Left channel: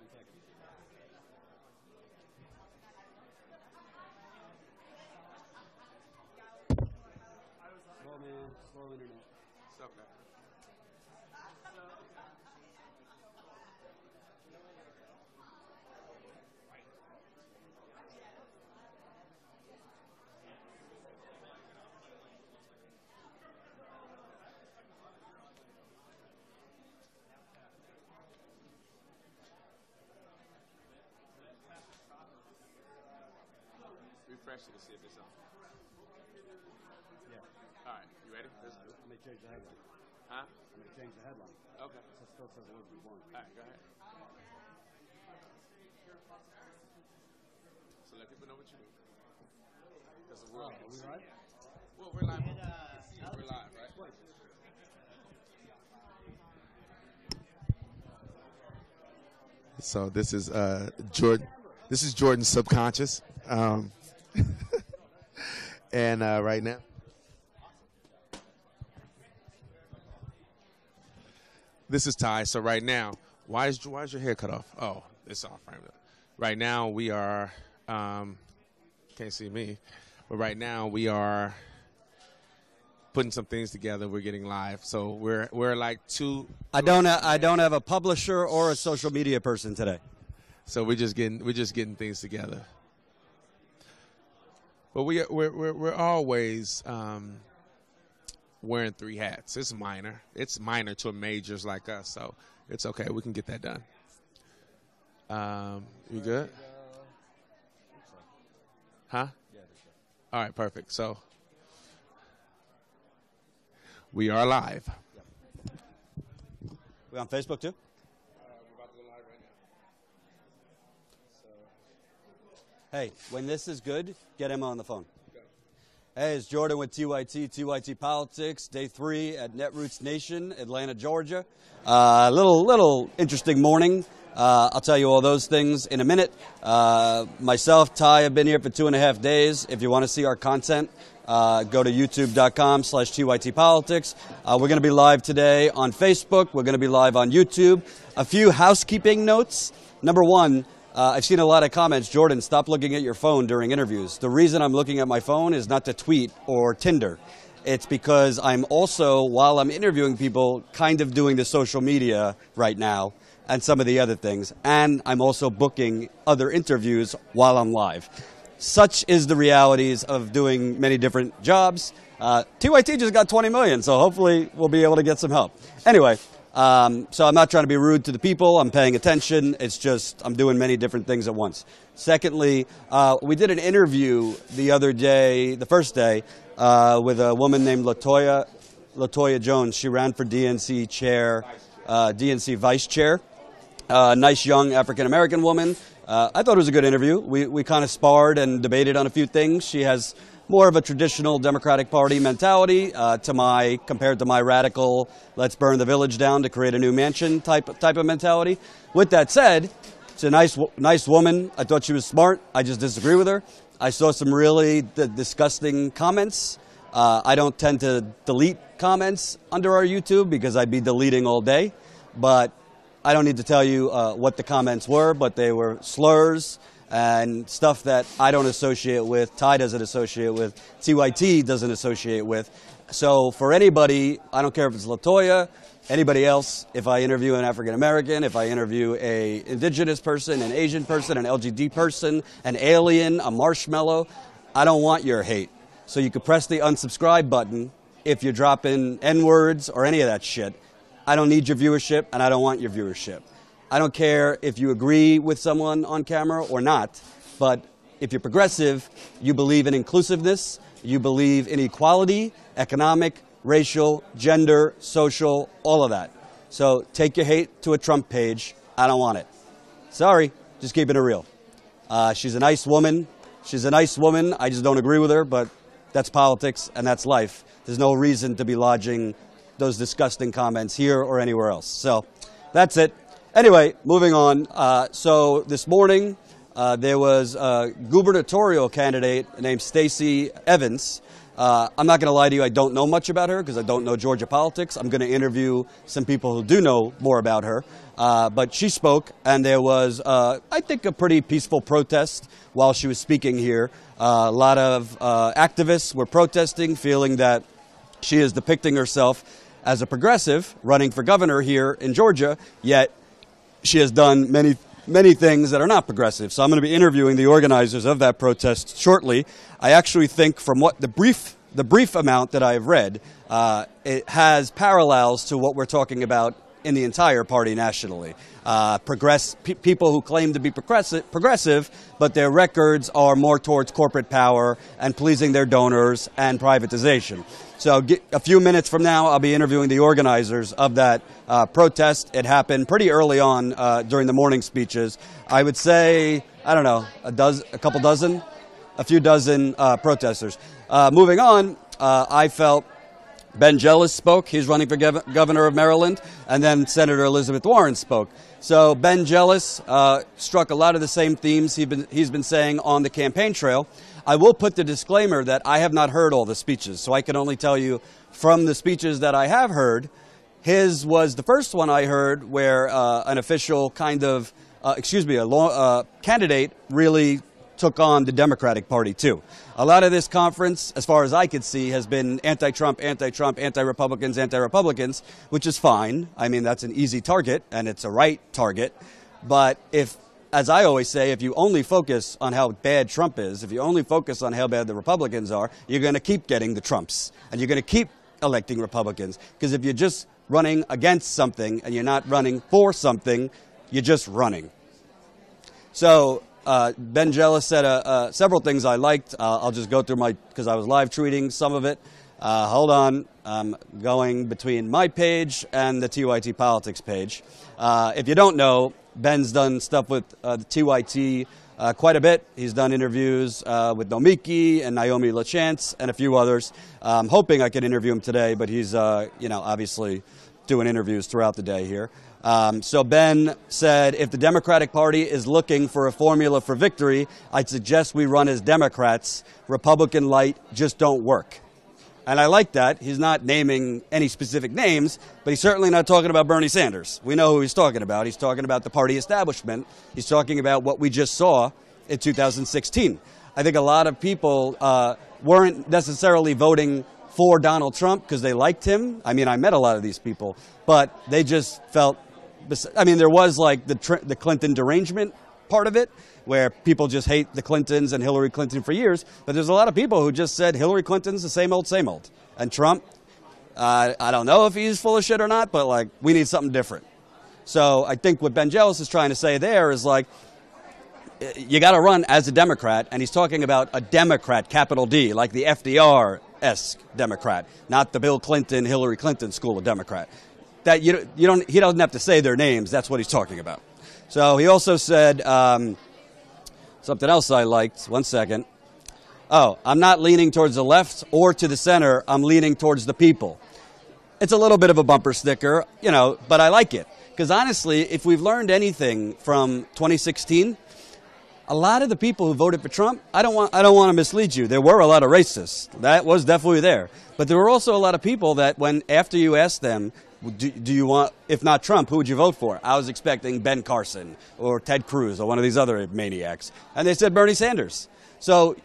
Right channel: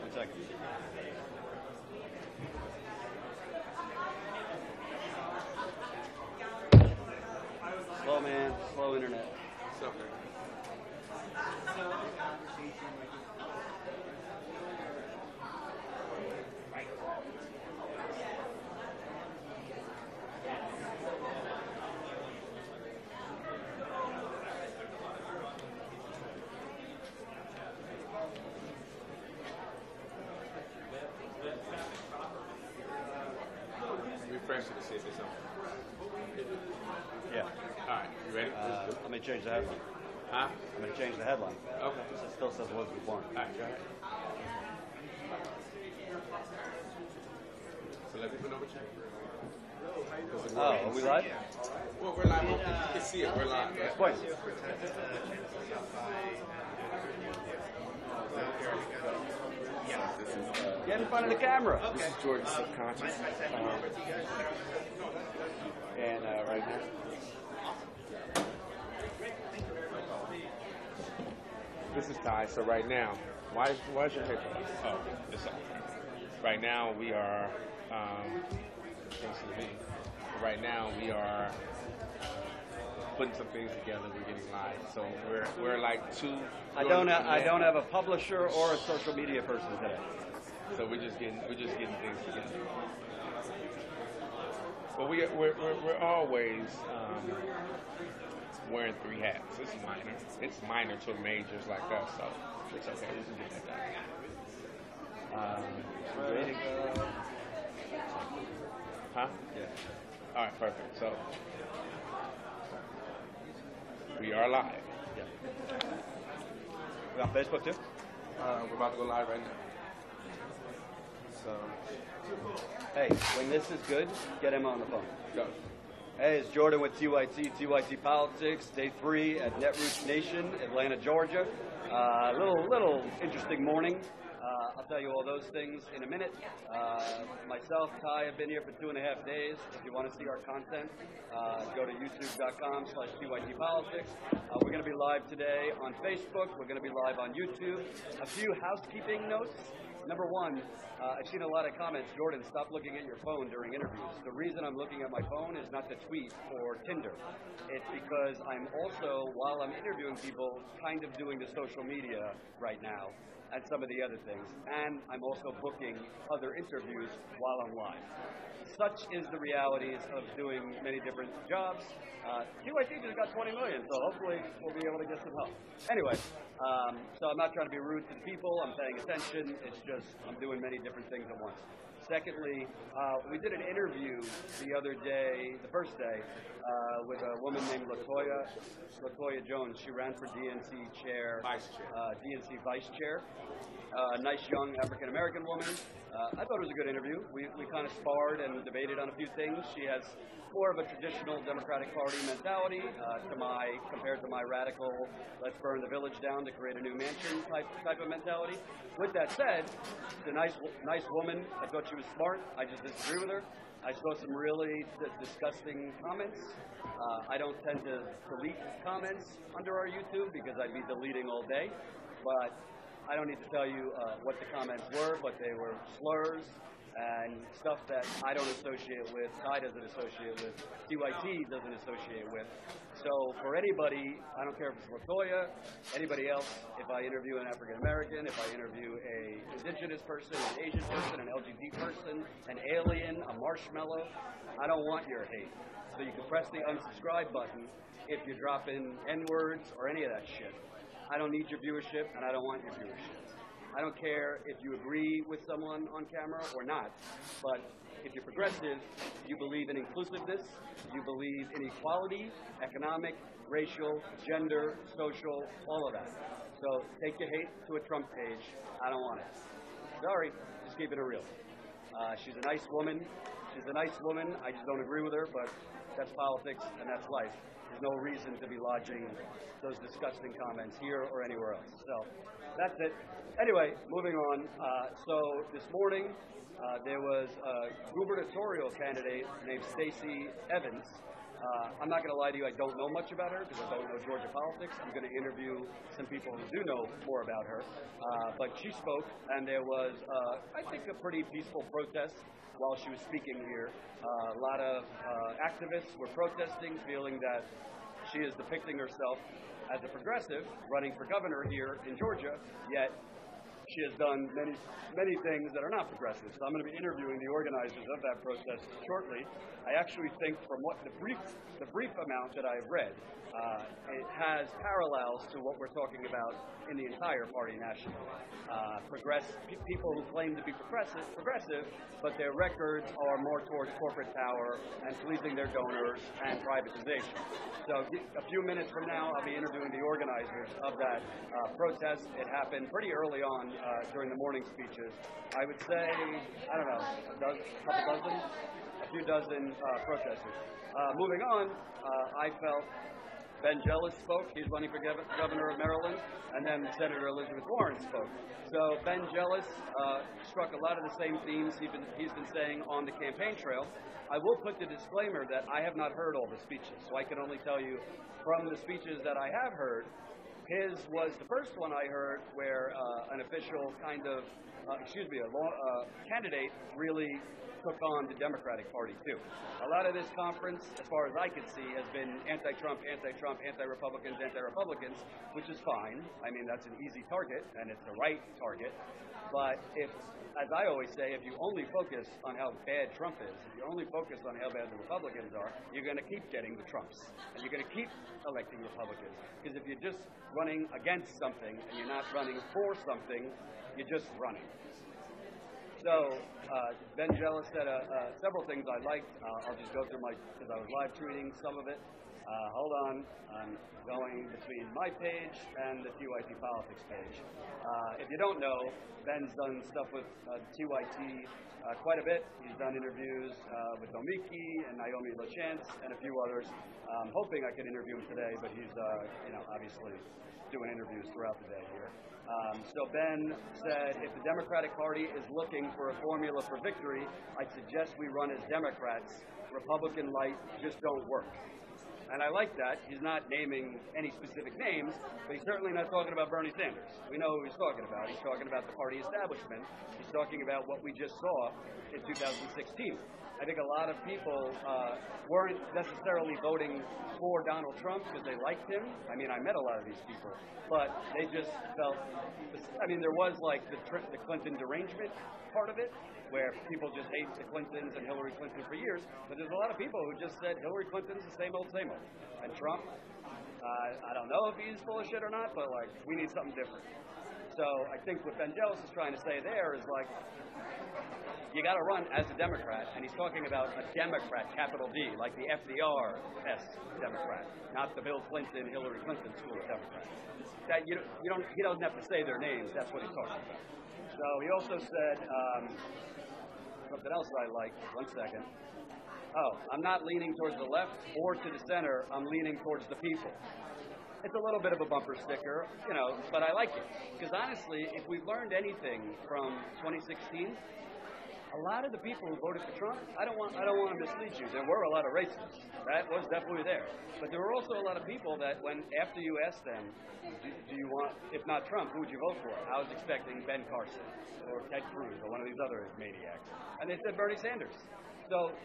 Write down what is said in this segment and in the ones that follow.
One second. Slow, man. Slow internet. Refresh it to see if it's on. Yeah. All right, you ready? Let me change the headline. Huh? I'm going to change the headline. Okay. It still says Elizabeth Warren. All right, go ahead. So let people know what you're. Oh, are we live? Well, we're live. You can see it. We're live. Right? Point. So this is Get in front of the Jordan. camera. This is Jordan's subconscious, and right now, this is Ty. So right now, why is your hair cut off? Oh, it's off. Right now we are. Can't see me, but right now we are putting some things together. We're getting live, so we're like two. I don't have a publisher or a social media person today. So we're just getting things together. But we're always wearing three hats. It's minor. It's minor to majors like us, so it's okay. We can get that done. You good? Huh? All right, perfect. So we are live. We're on Facebook too? We're about to go live right now. So, Hey, when this is good, get him on the phone. go. Hey, it's Jordan with TYT Politics, day 3 at Netroots Nation, Atlanta, Georgia. Little interesting morning. I'll tell you all those things in a minute. Myself, Ty, have been here for 2.5 days. If you want to see our content, go to youtube.com/TYTpolitics. We're going to be live today on Facebook. We're going to be live on YouTube. A few housekeeping notes. Number one, I've seen a lot of comments, Jordan, stop looking at your phone during interviews. The reason I'm looking at my phone is not to tweet or Tinder. It's because I'm also, while I'm interviewing people, kind of doing the social media right now and some of the other things. And I'm also booking other interviews while I'm live. Such is the realities of doing many different jobs. TYT just got 20 million, so hopefully we'll be able to get some help. Anyway, so I'm not trying to be rude to the people. I'm paying attention. It's just I'm doing many different things at once. Secondly, we did an interview the other day, the first day, with a woman named Latoya Jones. She ran for DNC chair, DNC vice chair. Nice young African-American woman. I thought it was a good interview. We kind of sparred and debated on a few things. She has more of a traditional Democratic Party mentality compared to my radical, let's burn the village down to create a new mansion type of mentality. With that said, it's a nice woman. I thought she was smart. I just disagree with her. I saw some really disgusting comments. I don't tend to delete comments under our YouTube because I'd be deleting all day. But I don't need to tell you what the comments were, but they were slurs and stuff that I don't associate with, Ty doesn't associate with, TYT doesn't associate with. So for anybody, I don't care if it's Latoya, anybody else, if I interview an African American, if I interview a indigenous person, an Asian person, an LGBT person, an alien, a marshmallow, I don't want your hate. So you could press the unsubscribe button if you're dropping N-words or any of that shit. I don't need your viewership, and I don't want your viewership. I don't care if you agree with someone on camera or not, but if you're progressive, you believe in inclusiveness, you believe in equality, economic, racial, gender, social, all of that. So take your hate to a Trump page. I don't want it. Sorry, just keeping it real. She's a nice woman. She's a nice woman. I just don't agree with her, but that's politics and that's life. There's no reason to be lodging those disgusting comments here or anywhere else. So that's it. Anyway, moving on. So this morning, there was a gubernatorial candidate named Stacy Evans, I'm not going to lie to you, I don't know much about her because I don't know Georgia politics. I'm going to interview some people who do know more about her. But she spoke, and there was, I think, a pretty peaceful protest while she was speaking here. A lot of activists were protesting, feeling that she is depicting herself as a progressive running for governor here in Georgia, yet she has done many things that are not progressive. So I'm going to be interviewing the organizers of that protest shortly. I actually think from what the brief amount that I've read, it has parallels to what we're talking about in the entire party nationally. People who claim to be progressive, but their records are more towards corporate power and pleasing their donors and privatization. So a few minutes from now, I'll be interviewing the organizers of that protest. It happened pretty early on during the morning speeches. I would say, I don't know, a few dozen protesters. Moving on, I felt Ben Jealous spoke. He's running for governor of Maryland. And then Senator Elizabeth Warren spoke. So Ben Jealous struck a lot of the same themes he's been saying on the campaign trail. I will put the disclaimer that I have not heard all the speeches, so I can only tell you from the speeches that I have heard, his was the first one I heard where an official kind of, a candidate really took on the Democratic Party too. A lot of this conference, as far as I could see, has been anti-Trump, anti-Trump, anti-Republicans, which is fine. I mean, that's an easy target, and it's a right target. But if, as I always say, if you only focus on how bad Trump is, if you only focus on how bad the Republicans are, you're going to keep getting the Trumps, and you're going to keep electing Republicans. Because if you're just running against something and you're not running for something, you're just running. So Ben Jealous said several things I liked. I'll just go through because I was live tweeting some of it. Hold on. I'm going between my page and the TYT Politics page. If you don't know, Ben's done stuff with the TYT quite a bit. He's done interviews with Nomiki and Naomi LaChance and a few others. I'm hoping I could interview him today, but he's, obviously doing interviews throughout the day here. So Ben said, if the Democratic Party is looking for a formula for victory, I'd suggest we run as Democrats. Republican light just don't work. And I like that. He's not naming any specific names, but he's certainly not talking about Bernie Sanders. We know who he's talking about. He's talking about the party establishment. He's talking about what we just saw in 2016. I think a lot of people weren't necessarily voting for Donald Trump because they liked him. I mean, I met a lot of these people, but they just felt, I mean, there was like the Clinton derangement part of it, where people just hate the Clintons and Hillary Clinton for years, but there's a lot of people who just said Hillary Clinton's the same old. And Trump, I don't know if he's full of shit or not, but like, we need something different. So I think what Ben Jealous is trying to say there is like, you got to run as a Democrat, and he's talking about a Democrat, capital D, like the FDR-esque Democrat, not the Bill Clinton, Hillary Clinton school of Democrat. That he doesn't have to say their names. That's what he's talking about. So he also said something else I liked. One second. Oh, I'm not leaning towards the left or to the center. I'm leaning towards the people. It's a little bit of a bumper sticker, but I like it. Because honestly, if we've learned anything from 2016, a lot of the people who voted for Trump, I don't want to mislead you. There were a lot of racists. That was definitely there. But there were also a lot of people that after you asked them, do you want, if not Trump, who would you vote for? I was expecting Ben Carson or Ted Cruz or one of these other maniacs. And they said Bernie Sanders. So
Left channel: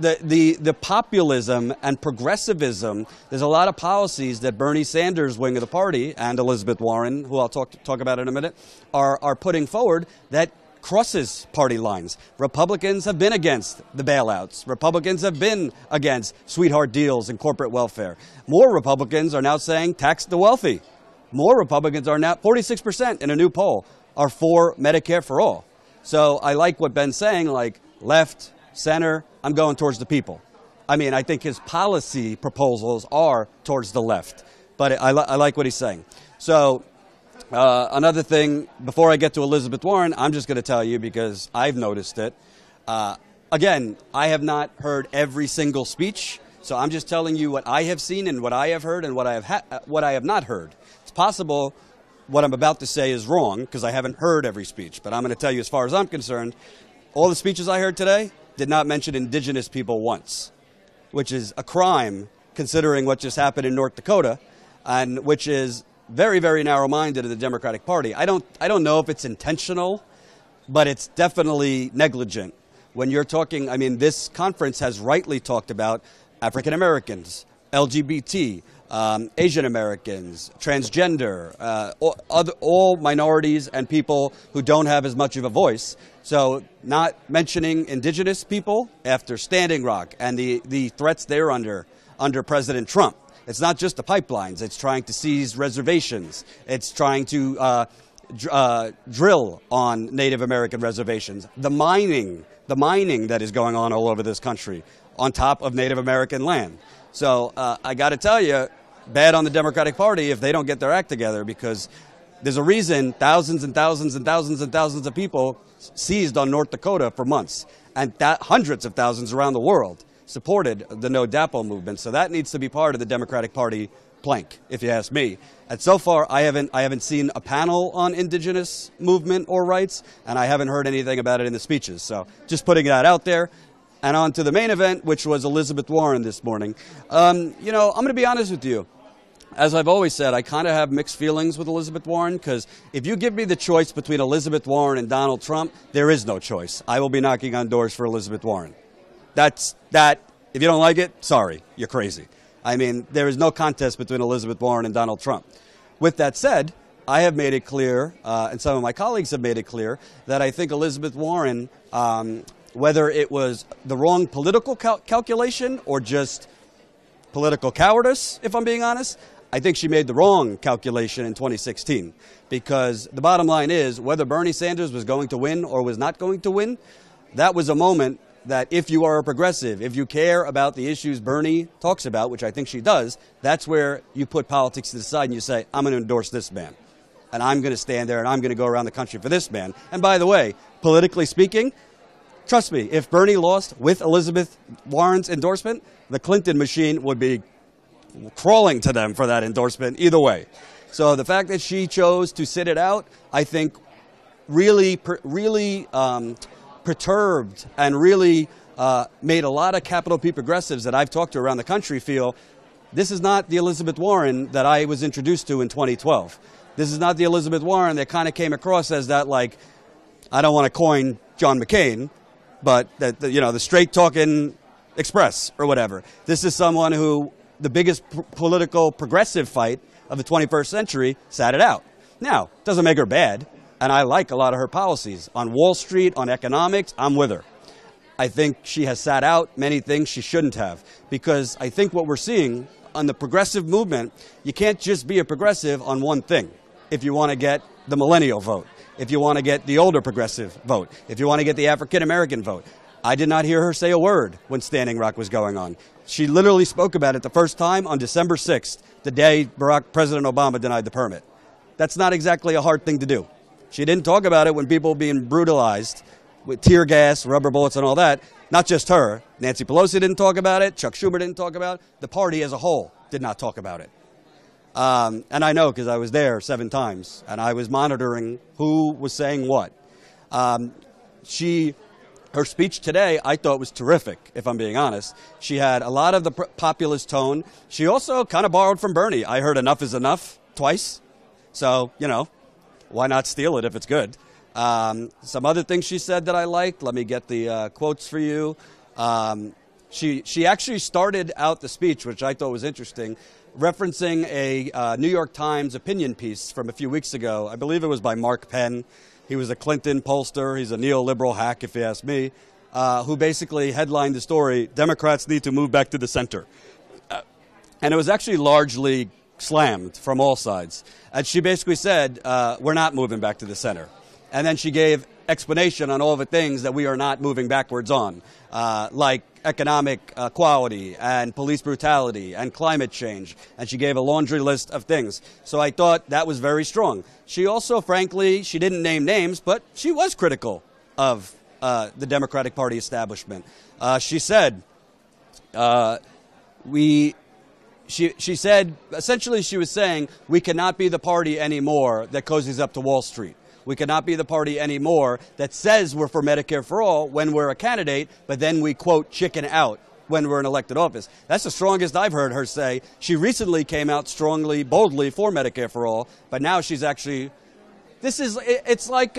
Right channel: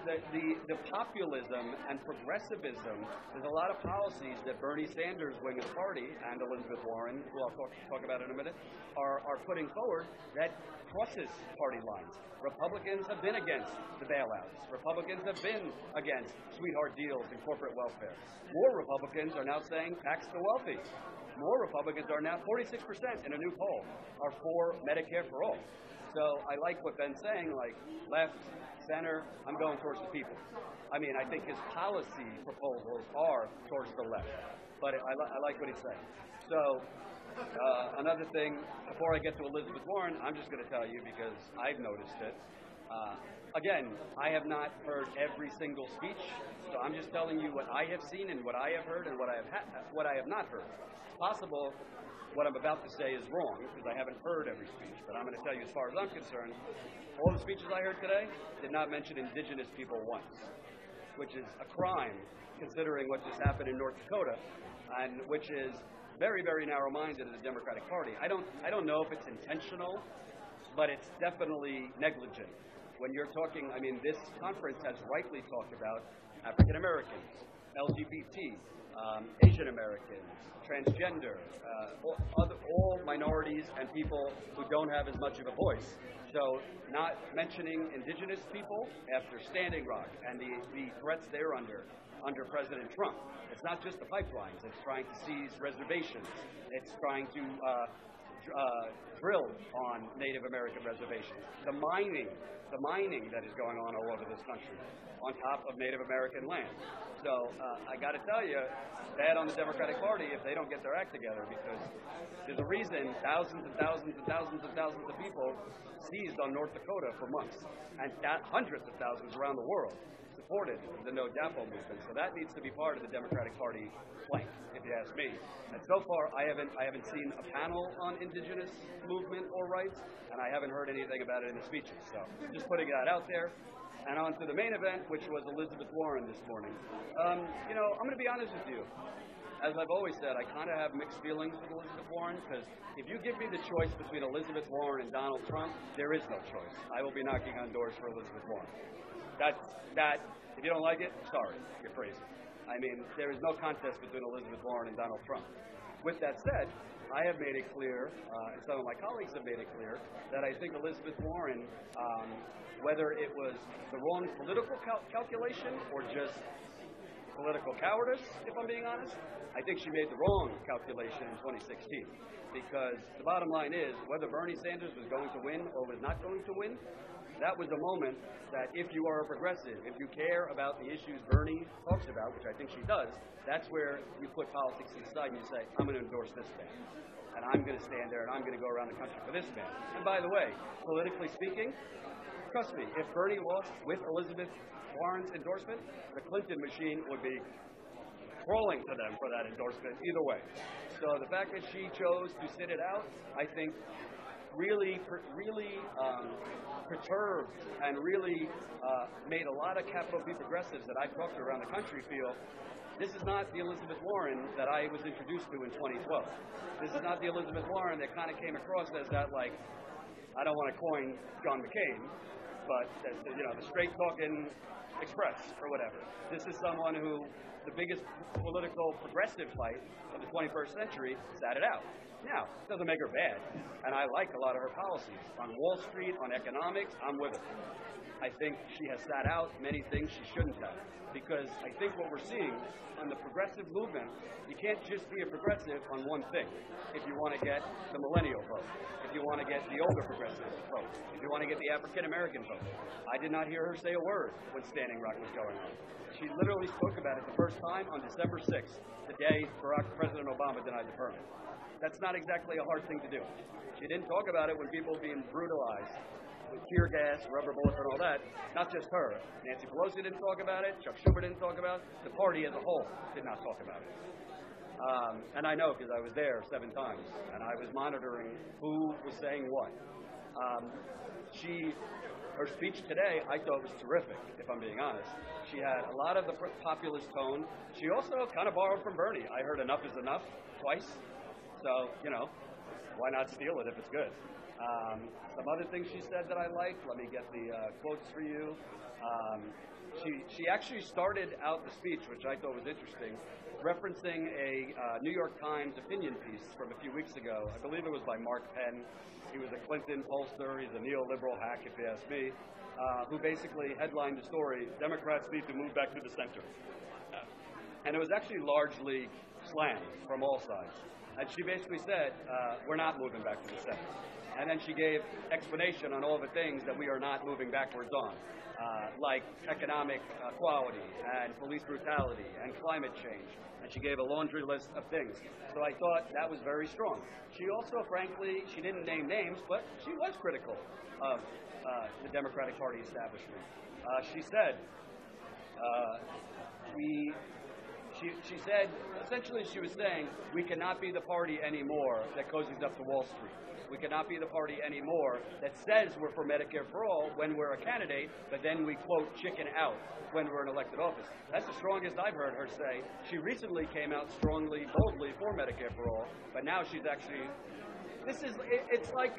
the populism and progressivism, there's a lot of policies that Bernie Sanders' wing of the party and Elizabeth Warren, who I'll talk about in a minute, are putting forward that crosses party lines. Republicans have been against the bailouts. Republicans have been against sweetheart deals and corporate welfare. More Republicans are now saying tax the wealthy. More Republicans are now, 46% in a new poll, are for Medicare for all. So I like what Ben's saying, like left, center, I'm going towards the people. I mean, I think his policy proposals are towards the left. But I like what he's saying. So another thing, before I get to Elizabeth Warren, I'm just going to tell you because I've noticed it. Again, I have not heard every single speech, so I'm just telling you what I have seen and what I have heard and what I have not heard. It's possible what I'm about to say is wrong because I haven't heard every speech, but I'm going to tell you as far as I'm concerned, all the speeches I heard today did not mention indigenous people once. which is a crime considering what just happened in North Dakota, and which is very, very narrow-minded of the Democratic Party. I don't know if it's intentional, but it's definitely negligent. When you're talking, I mean, this conference has rightly talked about African Americans, LGBT, Asian Americans, transgender, all minorities and people who don't have as much of a voice. So not mentioning indigenous people after Standing Rock and the threats they're under President Trump. It's not just the pipelines. It's trying to seize reservations. It's trying to drill on Native American reservations. The mining that is going on all over this country on top of Native American land. So I got to tell you, bad on the Democratic Party if they don't get their act together, because there's a reason thousands and thousands and thousands and thousands of people seized on North Dakota for months, and hundreds of thousands around the world supported the No DAPO movement. So that needs to be part of the Democratic Party plank, if you ask me. And so far, I haven't seen a panel on indigenous movement or rights, and I haven't heard anything about it in the speeches. So just putting that out there. And on to the main event, which was Elizabeth Warren this morning. You know, I'm going to be honest with you. As I've always said, I kind of have mixed feelings with Elizabeth Warren, because if you give me the choice between Elizabeth Warren and Donald Trump, there is no choice. I will be knocking on doors for Elizabeth Warren. That's that. If you don't like it, sorry, you're crazy. I mean, there is no contest between Elizabeth Warren and Donald Trump. With that said, I have made it clear, and some of my colleagues have made it clear, that I think Elizabeth Warren, whether it was the wrong political calculation or just political cowardice, if I'm being honest, I think she made the wrong calculation in 2016. Because the bottom line is, whether Bernie Sanders was going to win or was not going to win, that was a moment that if you are a progressive, if you care about the issues Bernie talks about, which I think she does, that's where you put politics to the side and you say, I'm going to endorse this man. And I'm going to stand there and I'm going to go around the country for this man. And by the way, politically speaking, trust me, if Bernie lost with Elizabeth Warren's endorsement, the Clinton machine would be crawling to them for that endorsement either way. So the fact that she chose to sit it out, I think really perturbed and really made a lot of capital P progressives that I've talked to around the country feel this is not the Elizabeth Warren that I was introduced to in 2012. This is not the Elizabeth Warren that kind of came across as that, like, I don't want to coin John McCain, but that, you know, the straight-talking express or whatever. This is someone who the biggest political progressive fight of the 21st century sat it out. Now, doesn't make her bad. And I like a lot of her policies. On Wall Street, on economics, I'm with her. I think she has sat out many things she shouldn't have. Because I think what we're seeing on the progressive movement, you can't just be a progressive on one thing if you want to get the millennial vote, if you want to get the older progressive vote, if you want to get the African American vote. I did not hear her say a word when Standing Rock was going on. She literally spoke about it the first time on December 6th, the day President Obama denied the permit. That's not exactly a hard thing to do. She didn't talk about it when people were being brutalized with tear gas, rubber bullets, and all that. Not just her. Nancy Pelosi didn't talk about it. Chuck Schumer didn't talk about it. The party as a whole did not talk about it. And I know because I was there 7 times, and I was monitoring who was saying what. Her speech today, I thought was terrific, if I'm being honest. She had a lot of the populist tone. She also kind of borrowed from Bernie. I heard enough is enough twice. So, you know, why not steal it if it's good? Some other things she said that I liked. Let me get the quotes for you. She actually started out the speech, which I thought was interesting, referencing a New York Times opinion piece from a few weeks ago. I believe it was by Mark Penn. He was a Clinton pollster. He's a neoliberal hack, if you ask me, who basically headlined the story, Democrats need to move back to the center. And it was actually largely slammed from all sides. And she basically said, we're not moving back to the center. And then she gave explanation on all the things that we are not moving backwards on, like economic equality and police brutality and climate change. And she gave a laundry list of things. So I thought that was very strong. She also, frankly, she didn't name names, but she was critical of the Democratic Party establishment. She said, she said, essentially she was saying, we cannot be the party anymore that cozies up to Wall Street. We cannot be the party anymore that says we're for Medicare for all when we're a candidate, but then we, quote, chicken out when we're in elected office. That's the strongest I've heard her say. She recently came out strongly, boldly for Medicare for all, but now she's actually, it's like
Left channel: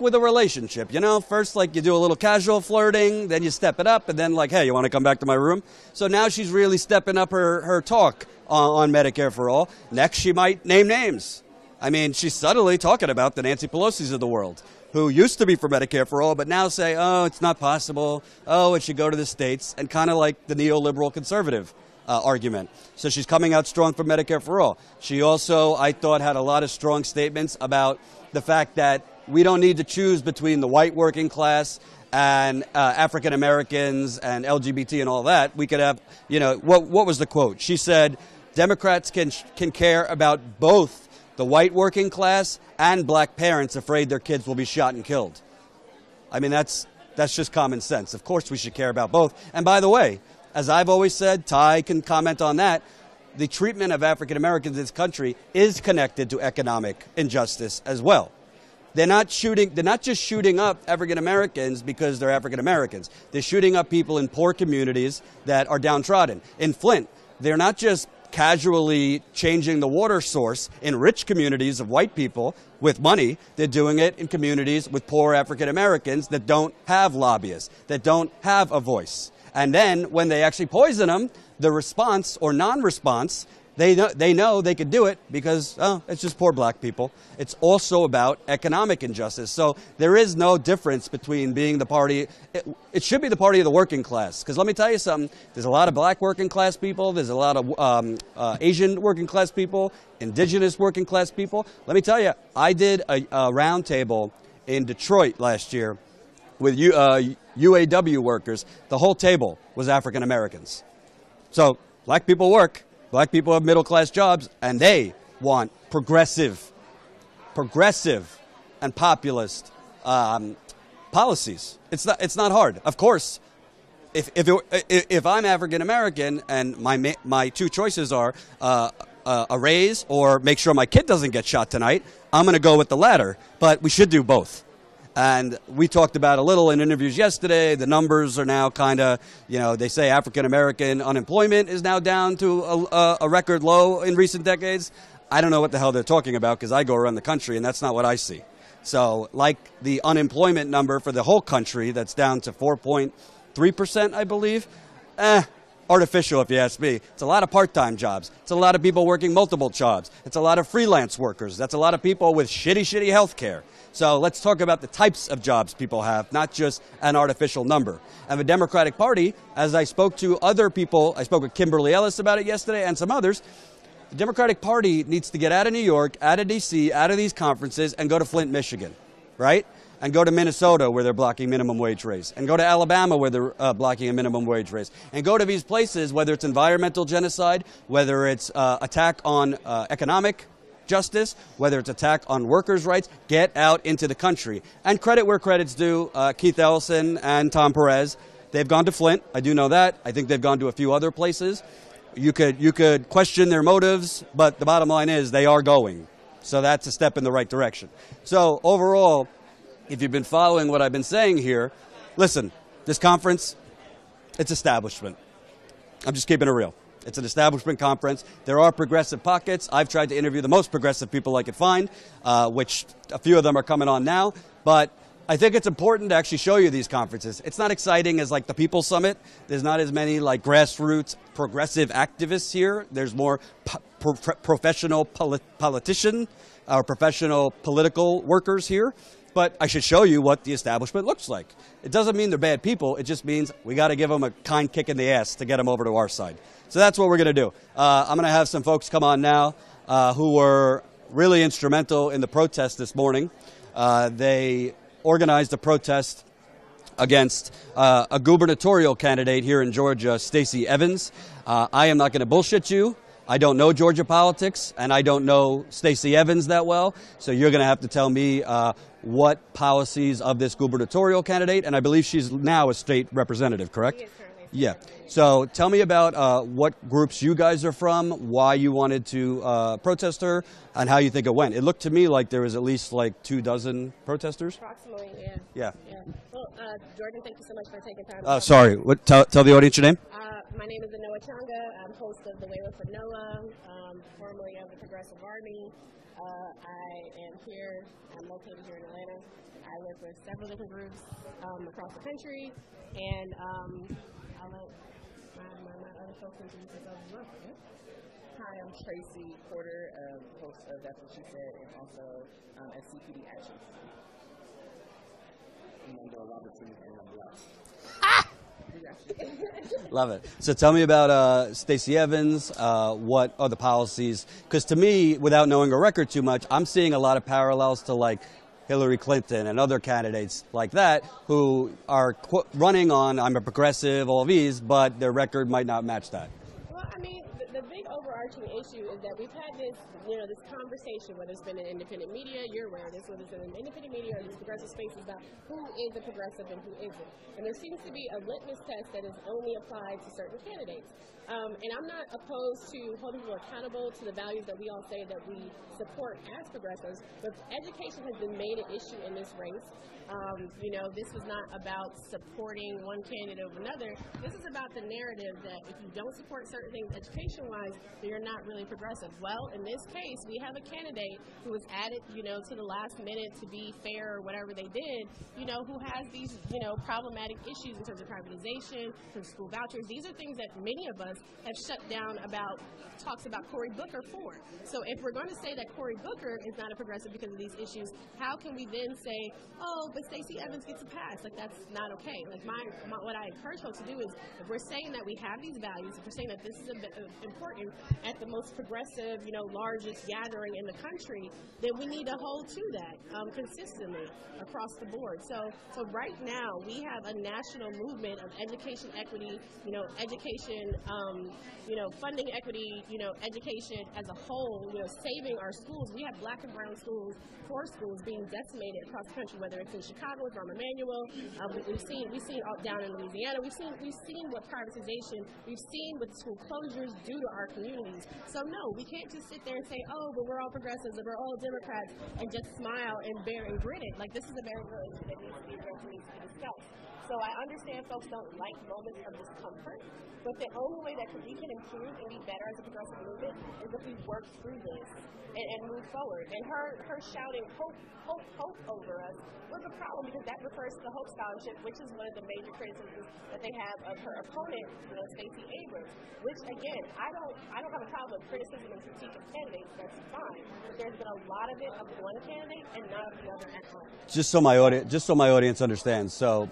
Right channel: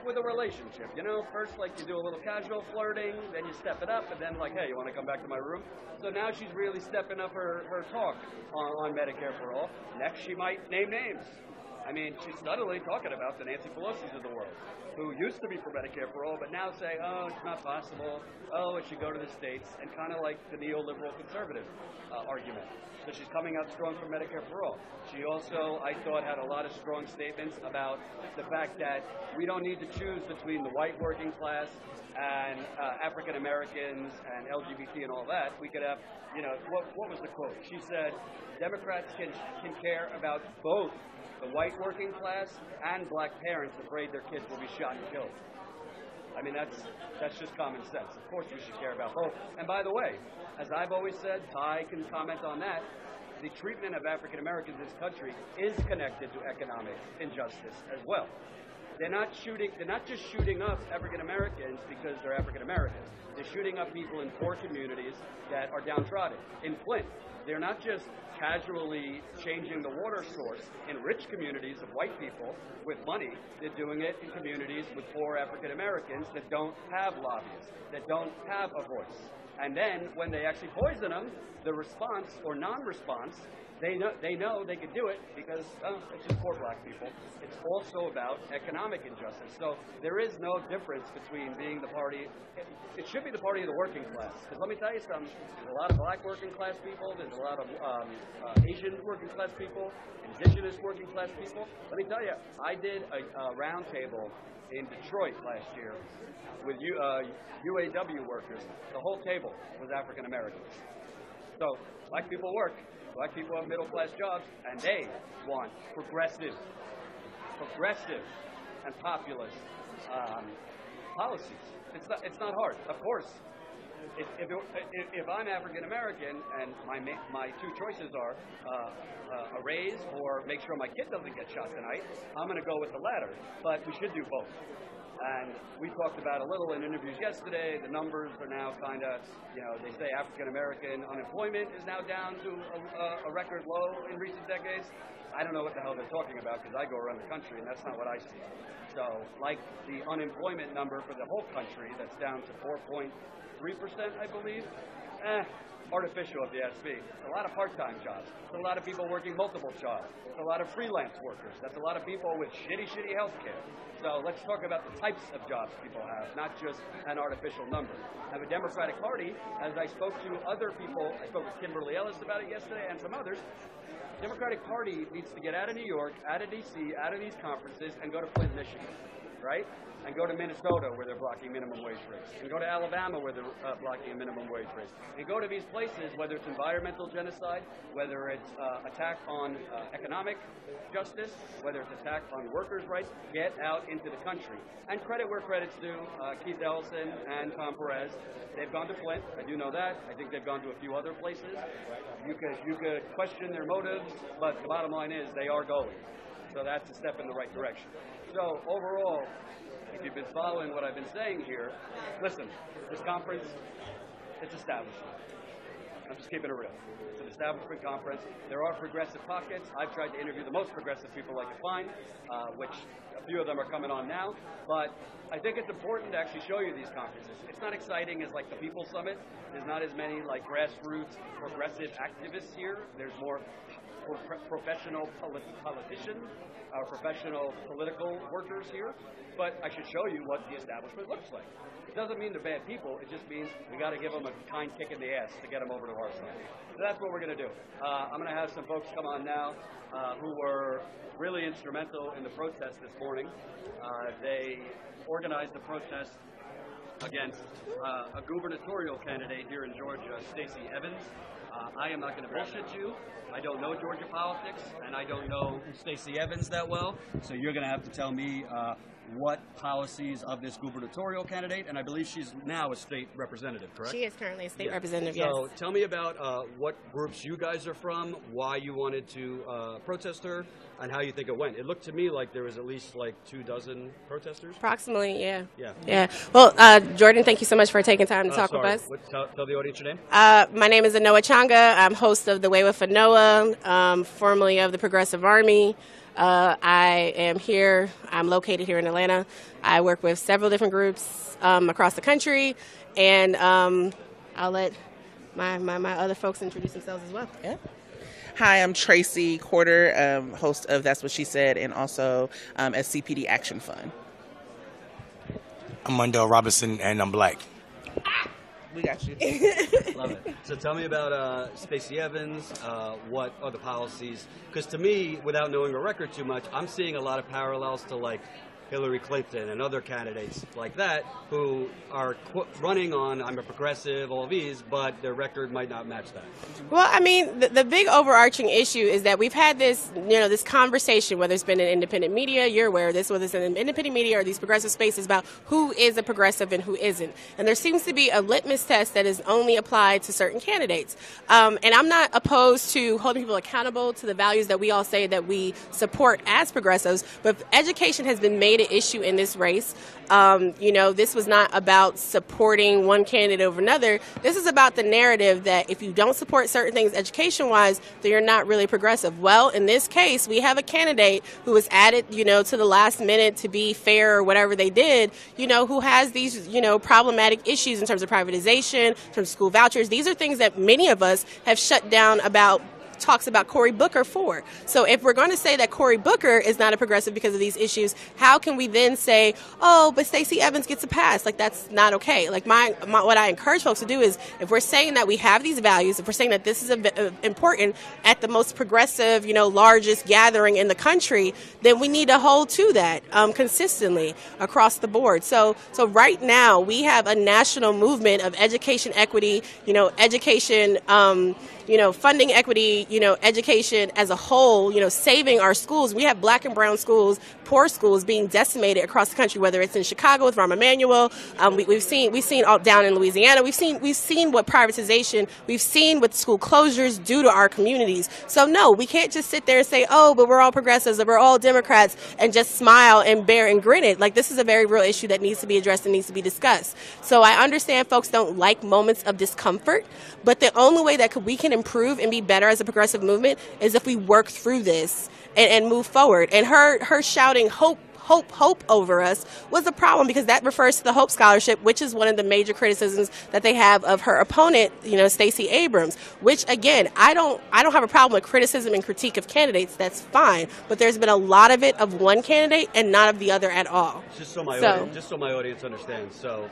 with a relationship, you know? First, like, you do a little casual flirting, then you step it up, and then like, hey, you want to come back to my room? So now she's really stepping up her talk on Medicare for all. Next, she might name names. I mean, she's subtly talking about the Nancy Pelosi's of the world, who used to be for Medicare for all, but now say, oh, it's not possible. Oh, it should go to the states, and kind of like the neoliberal conservative argument. So she's coming out strong for Medicare for all. She also, I thought, had a lot of strong statements about the fact that we don't need to choose between the white working class and African Americans and LGBT and all that. We could have, you know, what was the quote? She said, Democrats can care about both the white working class and black parents afraid their kids will be shot and killed. I mean, that's just common sense. Of course we should care about both. And by the way, as I've always said, Ty can comment on that, the treatment of African Americans in this country is connected to economic injustice as well. They're not just shooting up African Americans because they're African Americans. They're shooting up people in poor communities that are downtrodden. In Flint, they're not just casually changing the water source in rich communities of white people with money. They're doing it in communities with poor African Americans that don't have lobbyists, that don't have a voice. And then when they actually poison them, the response or non-response, they know they could do it because, oh, it's just poor black people. It's also about economic injustice. So there is no difference between being the party. It should be the party of the working class. Because let me tell you something. There's a lot of black working class people. There's a lot of Asian working class people, indigenous working class people. Let me tell you, I did a round table in Detroit last year with UAW workers. The whole table was African Americans. So black people work. Black people have middle-class jobs, and they want progressive and populist policies. It's not hard. Of course, if I'm African American and my two choices are a raise or make sure my kid doesn't get shot tonight, I'm going to go with the latter. But we should do both. And we talked about a little in interviews yesterday. The numbers are now kind of, you know, they say African-American unemployment is now down to a record low in recent decades. I don't know what the hell they're talking about because I go around the country and that's not what I see. So like the unemployment number for the whole country, that's down to 4.3%, I believe. Artificial, if you ask me. It's a lot of part-time jobs. It's a lot of people working multiple jobs. It's a lot of freelance workers. That's a lot of people with shitty health care. So let's talk about the types of jobs people have, not just an artificial number. And the Democratic Party, as I spoke to other people, I spoke with Kimberly Ellis about it yesterday and some others, the Democratic Party needs to get out of New York, out of D.C., out of these conferences and go to Flint, Michigan, right? And go to Minnesota where they're blocking minimum wage raise. And go to Alabama where they're blocking a minimum wage raise. And go to these places, whether it's environmental genocide, whether it's attack on economic justice, whether it's attack on workers' rights, get out into the country. And credit where credit's due. Keith Ellison and Tom Perez, they've gone to Flint. I do know that. I think they've gone to a few other places. You could question their motives, but the bottom line is they are going. So that's a step in the right direction. So overall, if you've been following what I've been saying here, listen, this conference, it's establishment. I'm just keeping it real. It's an establishment conference. There are progressive pockets. I've tried to interview the most progressive people I could find, which a few of them are coming on now. But I think it's important to actually show you these conferences. It's not exciting as like the People's Summit. There's not as many like grassroots progressive activists here. There's more professional politician or professional political workers here. But I should show you what the establishment looks like. It doesn't mean they're bad people. It just means we got to give them a kind kick in the ass to get them over to our side. So that's what we're going to do. I'm going to have some folks come on now who were really instrumental in the protest this morning. They organized a protest against a gubernatorial candidate here in Georgia, Stacy Evans. I am not going to bullshit you. I don't know Georgia politics, and I don't know Stacy Evans that well. So you're going to have to tell me what policies of this gubernatorial candidate, and I believe she's now a state representative, correct? She is currently a state representative. So yes. tell me about what groups you guys are from, why you wanted to protest her, and how you think it went. It looked to me like there was at least like 24 protesters. Approximately, yeah. Yeah. Yeah. Well, Jordan, thank you so much for taking time to talk to us. Sorry, tell the audience your name. My name is Anoa Changa. I'm host of The Way with Anoa, formerly of the Progressive Army. I am here. I'm located here in Atlanta. I work with several different groups across the country, and I'll let my other folks introduce themselves as well. Yeah. Hi, I'm Tracy Quarter, host of That's What She Said, and also at CPD Action Fund. I'm Mundell Robinson, and I'm black. We got you. Love it. So tell me about Stacy Evans. What are the policies? Because to me, without knowing her record too much, I'm seeing a lot of parallels to like Hillary Clinton and other candidates like that who are running on I'm a progressive, all these, but their record might not match that. Well, I mean, the big overarching issue is that we've had this, this conversation, whether it's been in independent media, you're aware of this, whether it's in independent media or these progressive spaces about who is a progressive and who isn't. And there seems to be a litmus test that is only applied to certain candidates. And I'm not opposed to holding people accountable to the values that we all say that we support as progressives, but education has been made an issue in this race. This was not about supporting one candidate over another. This is about the narrative that if you don't support certain things education-wise, then you're not really progressive. Well, in this case, we have a candidate who was added, to the last minute to be fair or whatever they did, who has these, problematic issues in terms of privatization, in terms of school vouchers. These are things that many of us have shut down talks about Cory Booker for. So if we're going to say that Cory Booker is not a progressive because of these issues, how can we then say, oh, but Stacy Evans gets a pass? Like, that's not okay. Like, what I encourage folks to do is, if we're saying that we have these values, if we're saying that this is important at the most progressive, largest gathering in the country, then we need to hold to that consistently across the board. So right now, we have a national movement of education equity, education funding equity, education as a whole, saving our schools. We have black and brown schools, poor schools being decimated across the country, whether it's in Chicago with Rahm Emanuel. We've seen all down in Louisiana. We've seen what privatization, we've seen what school closures do to our communities. So no, we can't just sit there and say, oh, but we're all progressives or we're all Democrats and just smile and bear and grin it. Like, this is a very real issue that needs to be addressed and needs to be discussed. So I understand folks don't like moments of discomfort, but the only way that we can improve and be better as a progressive movement is if we work through this and move forward. And her shouting hope over us was a problem, because that refers to the Hope Scholarship, which is one of the major criticisms that they have of her opponent, Stacey Abrams, which, again, I don't have a problem with criticism and critique of candidates. That's fine. But there's been a lot of it of one candidate and not of the other at all. Just so my audience understands. So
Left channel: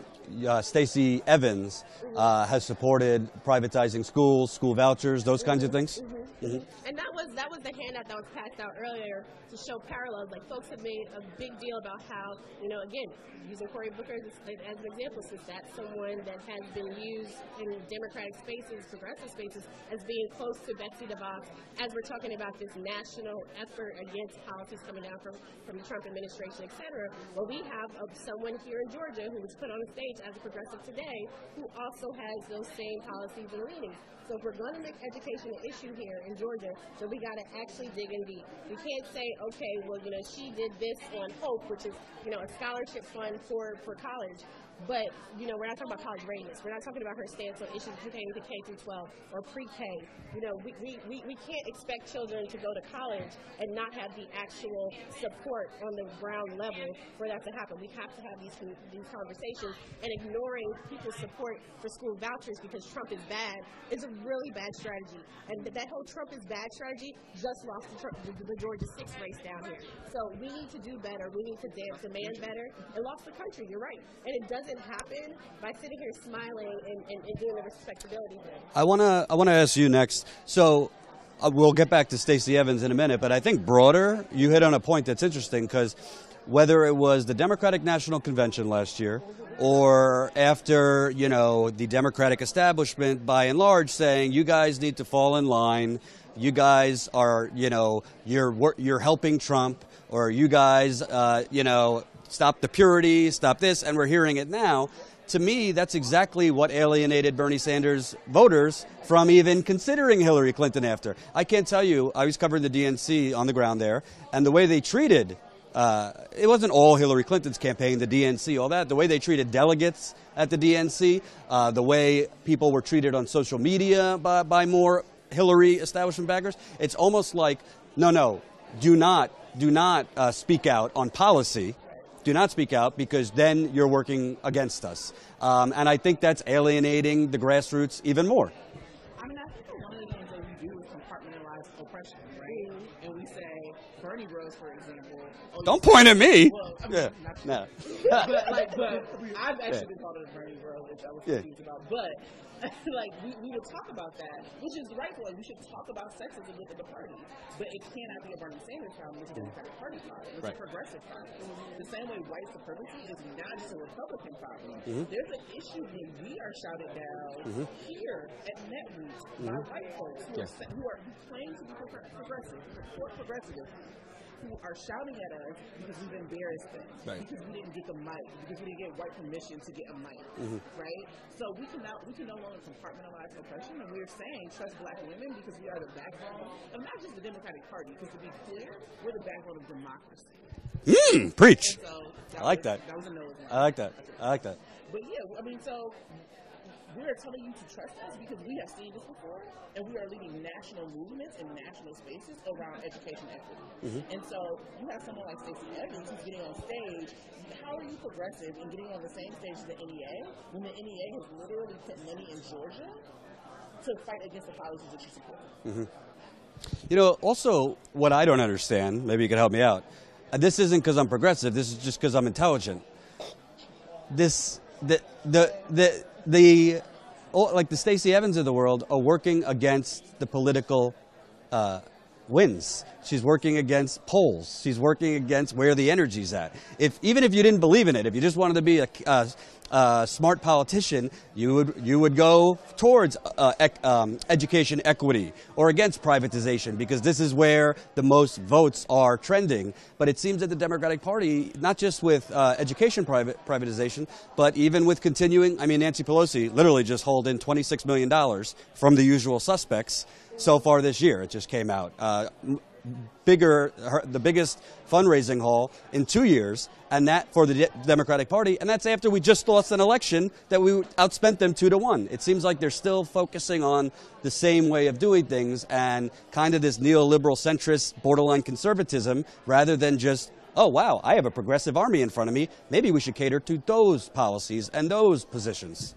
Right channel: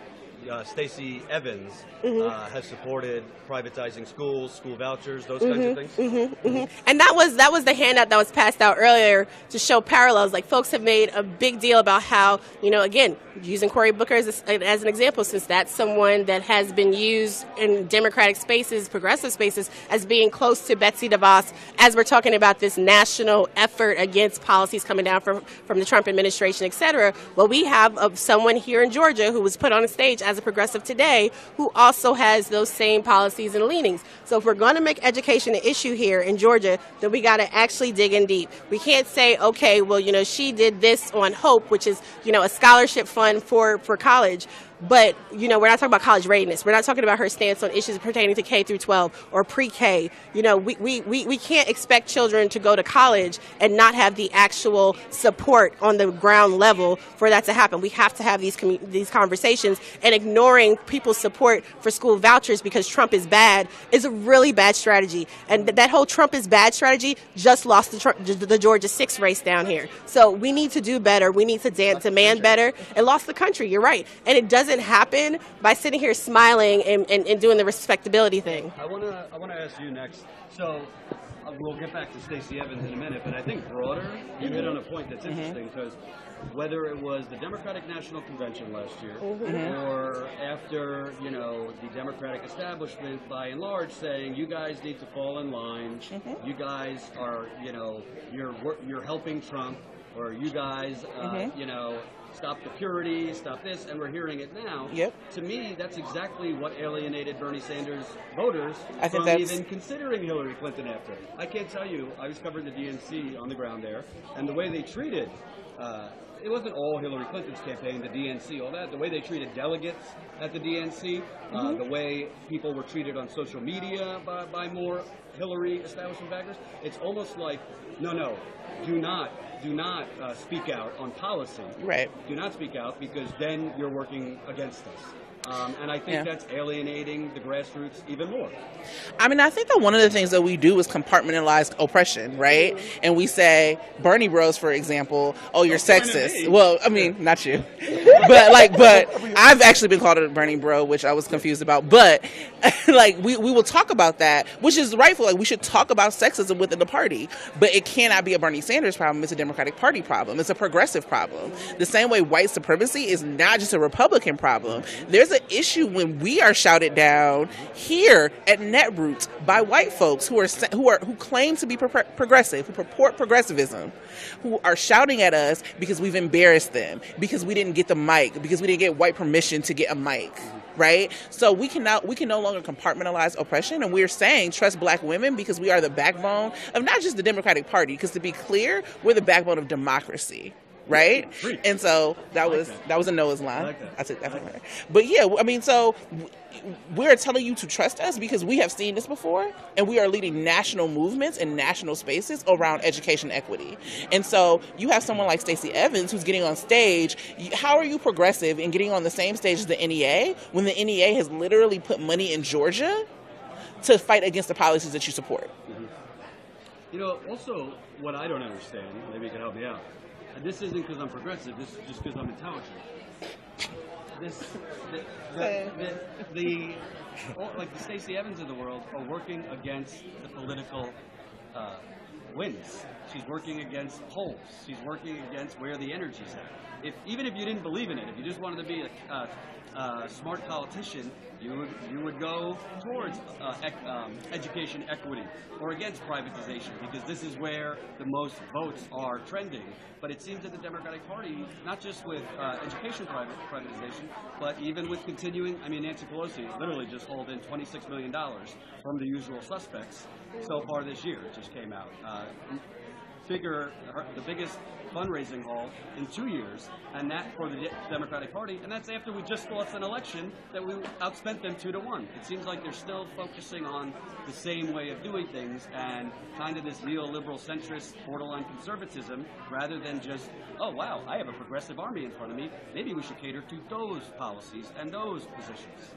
Stacy Evans has supported privatizing schools, school vouchers, those kinds of things. And that was the handout that was passed out earlier to show parallels. Like, folks have made a big deal about how, again, using Cory Booker as an example, since that's someone that has been used in Democratic spaces, progressive spaces, as being close to Betsy DeVos, as we're talking about this national effort against policies coming down from the Trump administration, et cetera. Well, we have someone here in Georgia who was put on a stage as a progressive today who also has those same policies and leanings. So if we're going to make education an issue here in Georgia, then we got to actually dig in deep. We can't say, okay, well, she did this on Hope, which is, a scholarship fund for college. But, we're not talking about college readiness. We're not talking about her stance on issues pertaining to K through 12 or pre-K. We can't expect children to go to college and not have the actual support on the ground level for that to happen. We have to have these conversations, and ignoring people's support for school vouchers because Trump is bad is a really bad strategy. And that whole Trump is bad strategy just lost the Georgia 6 race down here. So we need to do better. We need to demand better. It lost the country. You're right. And it doesn't happen by sitting here smiling and doing the respectability thing. I wanna ask you next. So we'll get back to Stacy Evans in a minute, but I think broader, you hit on a point that's interesting, because whether it was the Democratic National Convention last year or after, the Democratic establishment by and large saying, you guys need to fall in line, you guys are, you're helping Trump, or you guys, stop the purity, stop this, and we're hearing it now. Yep. To me, that's exactly what alienated Bernie Sanders voters I from think even considering Hillary Clinton after. I can't tell you, I was covering the DNC on the ground there, and the way they treated, it wasn't all Hillary Clinton's campaign, the DNC, all that, the way they treated delegates at the DNC, the way people were treated on social media by more Hillary establishment backers, it's almost like, no, do not speak out on policy. Right. Do not speak out, because then you're working against us. And I think that's alienating the grassroots even more. I mean, I think that one of the things that we do is compartmentalize oppression, right? And we say, Bernie bros, for example, oh, you're Don't point sexist. at me. Well, I mean, not you. But I've actually been called a Bernie bro, which I was confused about. But, like, we will talk about that, which is rightful. Like, we should talk about sexism within the party. But it cannot be a Bernie Sanders problem. It's a Democratic Party problem. It's a progressive problem. The same way white supremacy is not just a Republican problem. There's an issue when we are shouted down here at Netroots by white folks who claim to be progressive, who purport progressivism, who are shouting at us because we've embarrassed them, because we didn't get the mic, because we didn't get white permission to get a mic, right? So we can no longer compartmentalize oppression, and we're saying trust black women because we are the backbone of not just the Democratic Party, because to be clear, we're the backbone of democracy. Right? Preach. And so that was a Noah's line. I like that. I took I like that. But yeah, I mean, so we're telling you to trust us because we have seen this before, and we are leading national movements and national spaces around education equity. And so you have someone like Stacy Evans who's getting on stage. How are you progressive in getting on the same stage as the NEA when the NEA has literally put money in Georgia to fight against the policies that you support? You know, also, what I don't understand, maybe you can help me out, this isn't because I'm progressive, this is just because I'm intelligent. Like the Stacy Evans of the world are working against the political wins. She's working against polls. She's working against where the energy's at. Even if you didn't believe in it, if you just wanted to be a smart politician, you would go towards education equity or against privatization, because this is where the most votes are trending. But it seems that the Democratic Party, not just with education privatization, but even with continuing, I mean, Nancy Pelosi literally just hauled in $26 million from the usual suspects so far this year. It just came out. The biggest fundraising haul in 2 years, and that for the Democratic Party, and that's after we just lost an election that we outspent them 2-1. It seems like they're still focusing on the same way of doing things and kind of this neoliberal centrist borderline conservatism, rather than just, oh wow, I have a progressive army in front of me, maybe we should cater to those policies and those positions.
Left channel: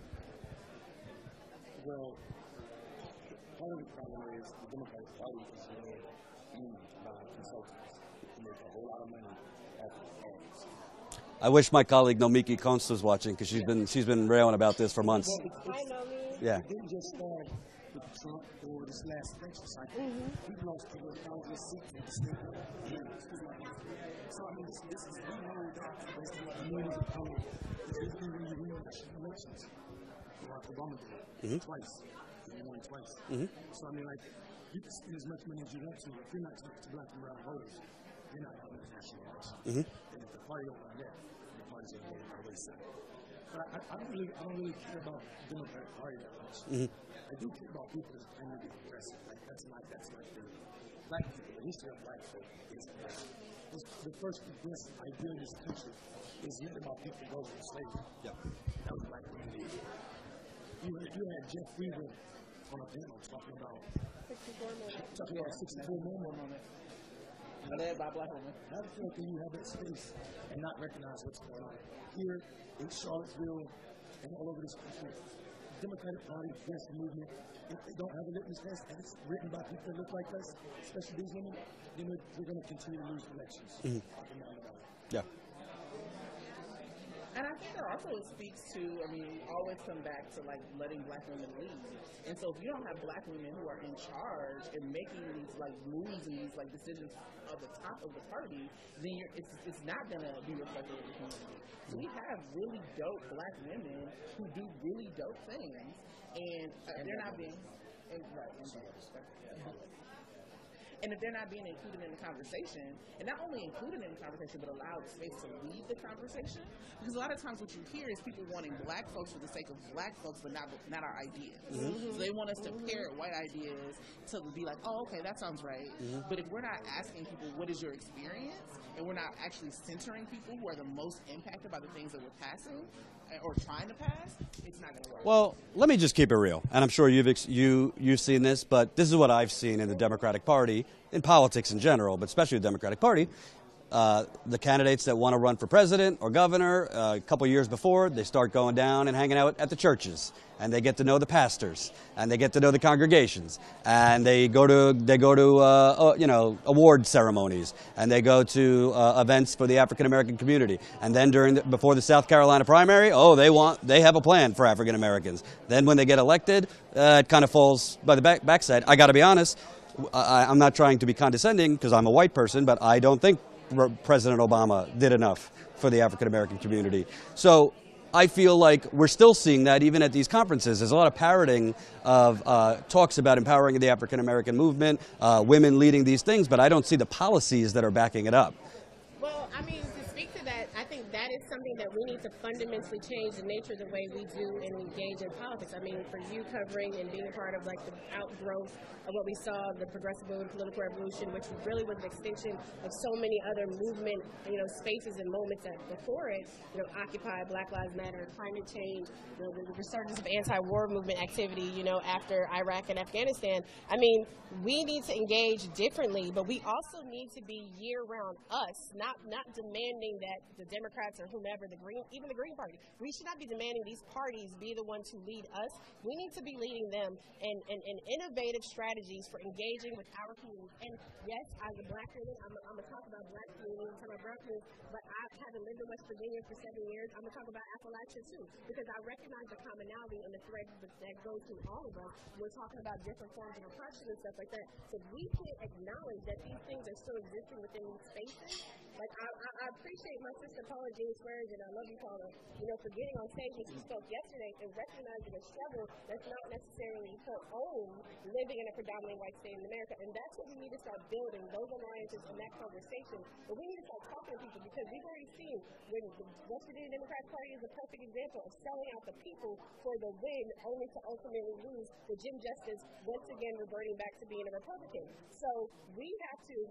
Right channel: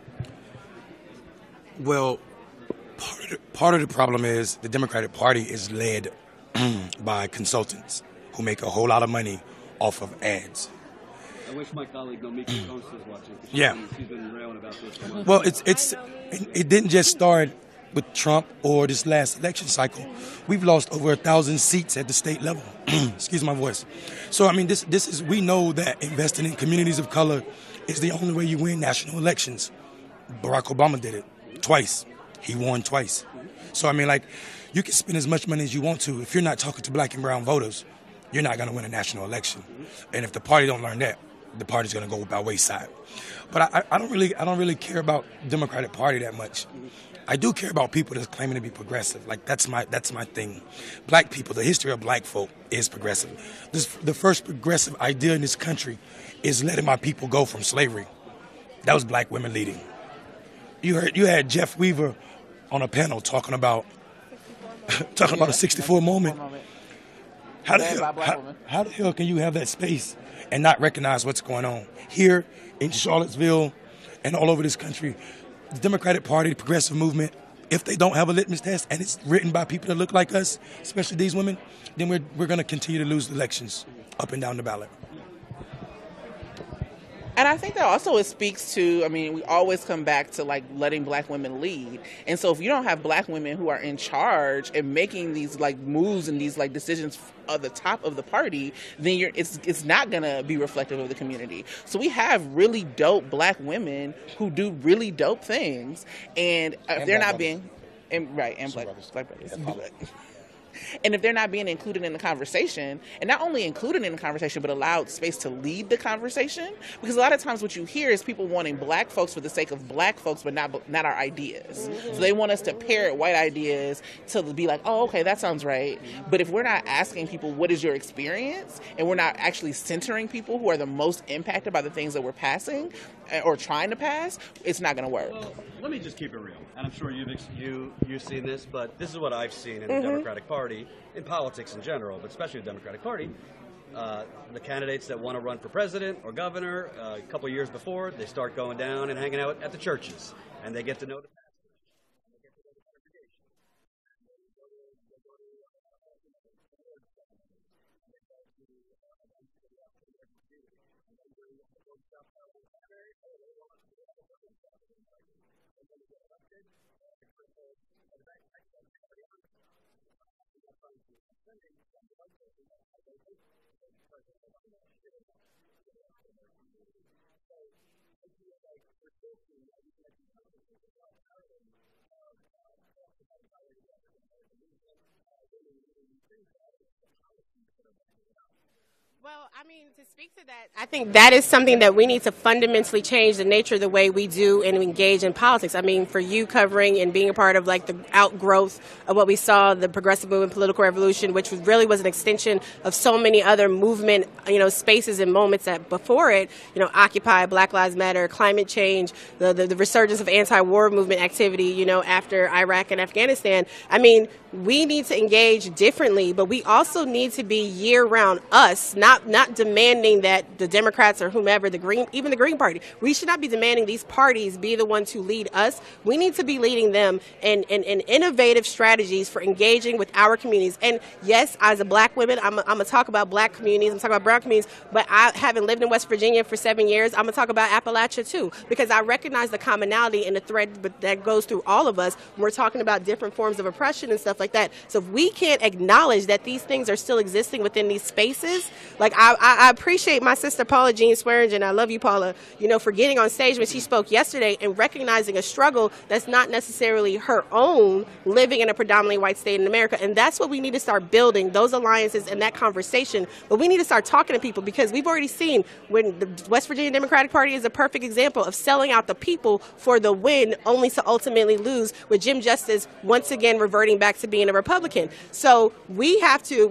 Well, part of the problem is the Democratic Party is led by consultants who make a whole lot of money off of ads. I wish my colleague Nomiki Konst was watching, because she's been railing about this for months. Well, it didn't just start with Trump or this last election cycle. We've lost over 1,000 seats at the state level. Excuse my voice. So I mean, this is, we know that investing in communities of color is the only way you win national elections. Barack Obama did it twice. He won twice. So I mean, like, you can spend as much money as you want to. If you're not talking to black and brown voters, you're not going to win a national election. And if the party don't learn that, the party's going to go by wayside. But I don't really care about the Democratic Party that much. I do care about people that's claiming to be progressive. Like, that's my thing. Black people, the history of black folk is progressive. The first progressive idea in this country is letting my people go from slavery. That was black women leading. You had Jeff Weaver on a panel talking about a 64 moment. How the hell can you have that space and not recognize what's going on here in Charlottesville and all over this country? The Democratic Party, the progressive movement, if they don't have a litmus test and it's written by people that look like us, especially these women, then we're going to continue to lose elections up and down the ballot. Yeah. And I think that also it speaks to, I mean, we always come back to, like, letting black women lead. And so if you don't have black women who are in charge and making these, like, moves and these, like, decisions at the top of the party, then it's not going to be reflective of the community. So we have really dope black women who do really dope things. And if they're not being, and black brothers. And if they're not being included in the conversation, and not only included in the conversation, but allowed space to lead the conversation, because a lot of times what you hear is people wanting black folks for the sake of black folks, but not our ideas. So they want us to parrot white ideas to be like, oh, okay, that sounds right. But if we're not asking people, what is your experience? And we're not actually centering people who are the most impacted by the things that we're passing or trying to pass, it's not going to work. Well, let me just keep it real. And I'm sure you've seen this, but this is what I've seen in the Democratic Party, in politics in general, but especially the Democratic Party. The candidates that want to run for president or governor, a couple of years before, they start going down and hanging out at the churches, and they get to know the pastors, and they get to know the congregations, and they go to award ceremonies, and they go to events for the African American community, and then before the South Carolina primary, they have a plan for African Americans. Then when they get elected, it kind of falls by the backside. I got to be honest, I'm not trying to be condescending because I'm a white person, but I don't think President Obama did enough for the African American community. So I feel like we're still seeing that even at these conferences. There's a lot of parroting of talks about empowering the African American movement, women leading these things, but I don't see the policies that are backing it up. Well, I mean, to speak to that, I think that is something that we need to fundamentally change the nature of the way we do and engage in politics. I mean, for you covering and being a part of like the outgrowth of what we saw, the progressive movement, political revolution, which really was an extension of so many other movement, spaces and moments that before it, Occupy, Black Lives Matter, climate change, the resurgence of anti-war movement activity, after Iraq and Afghanistan. I mean, we need to engage differently, but we also need to be year-round us, not demanding that the Democrats or whomever, even the Green Party, we should not be demanding these parties be the ones who lead us. We need to be leading them in innovative strategies for engaging with our communities. And yes, as a black woman, I'm going to talk about black communities, I'm talking about brown communities, but I haven't lived in West Virginia for 7 years. I'm going to talk about Appalachia too, because I recognize the commonality and the thread that goes through all of us when we're talking about different forms of oppression and stuff like that. So if we can't acknowledge that these things are still existing within these spaces, like I appreciate my sister Paula Jean Swearingen, I love you, Paula, for getting on stage when she spoke yesterday and recognizing a struggle that's not necessarily her own, living in a predominantly white state in America. And that's what we need to start building, those alliances and that conversation. But we need to start talking to people, because we've already seen when the West Virginia Democratic Party is a perfect example of selling out the people for the win, only to ultimately lose, with Jim Justice once again reverting back to being a Republican. So we have to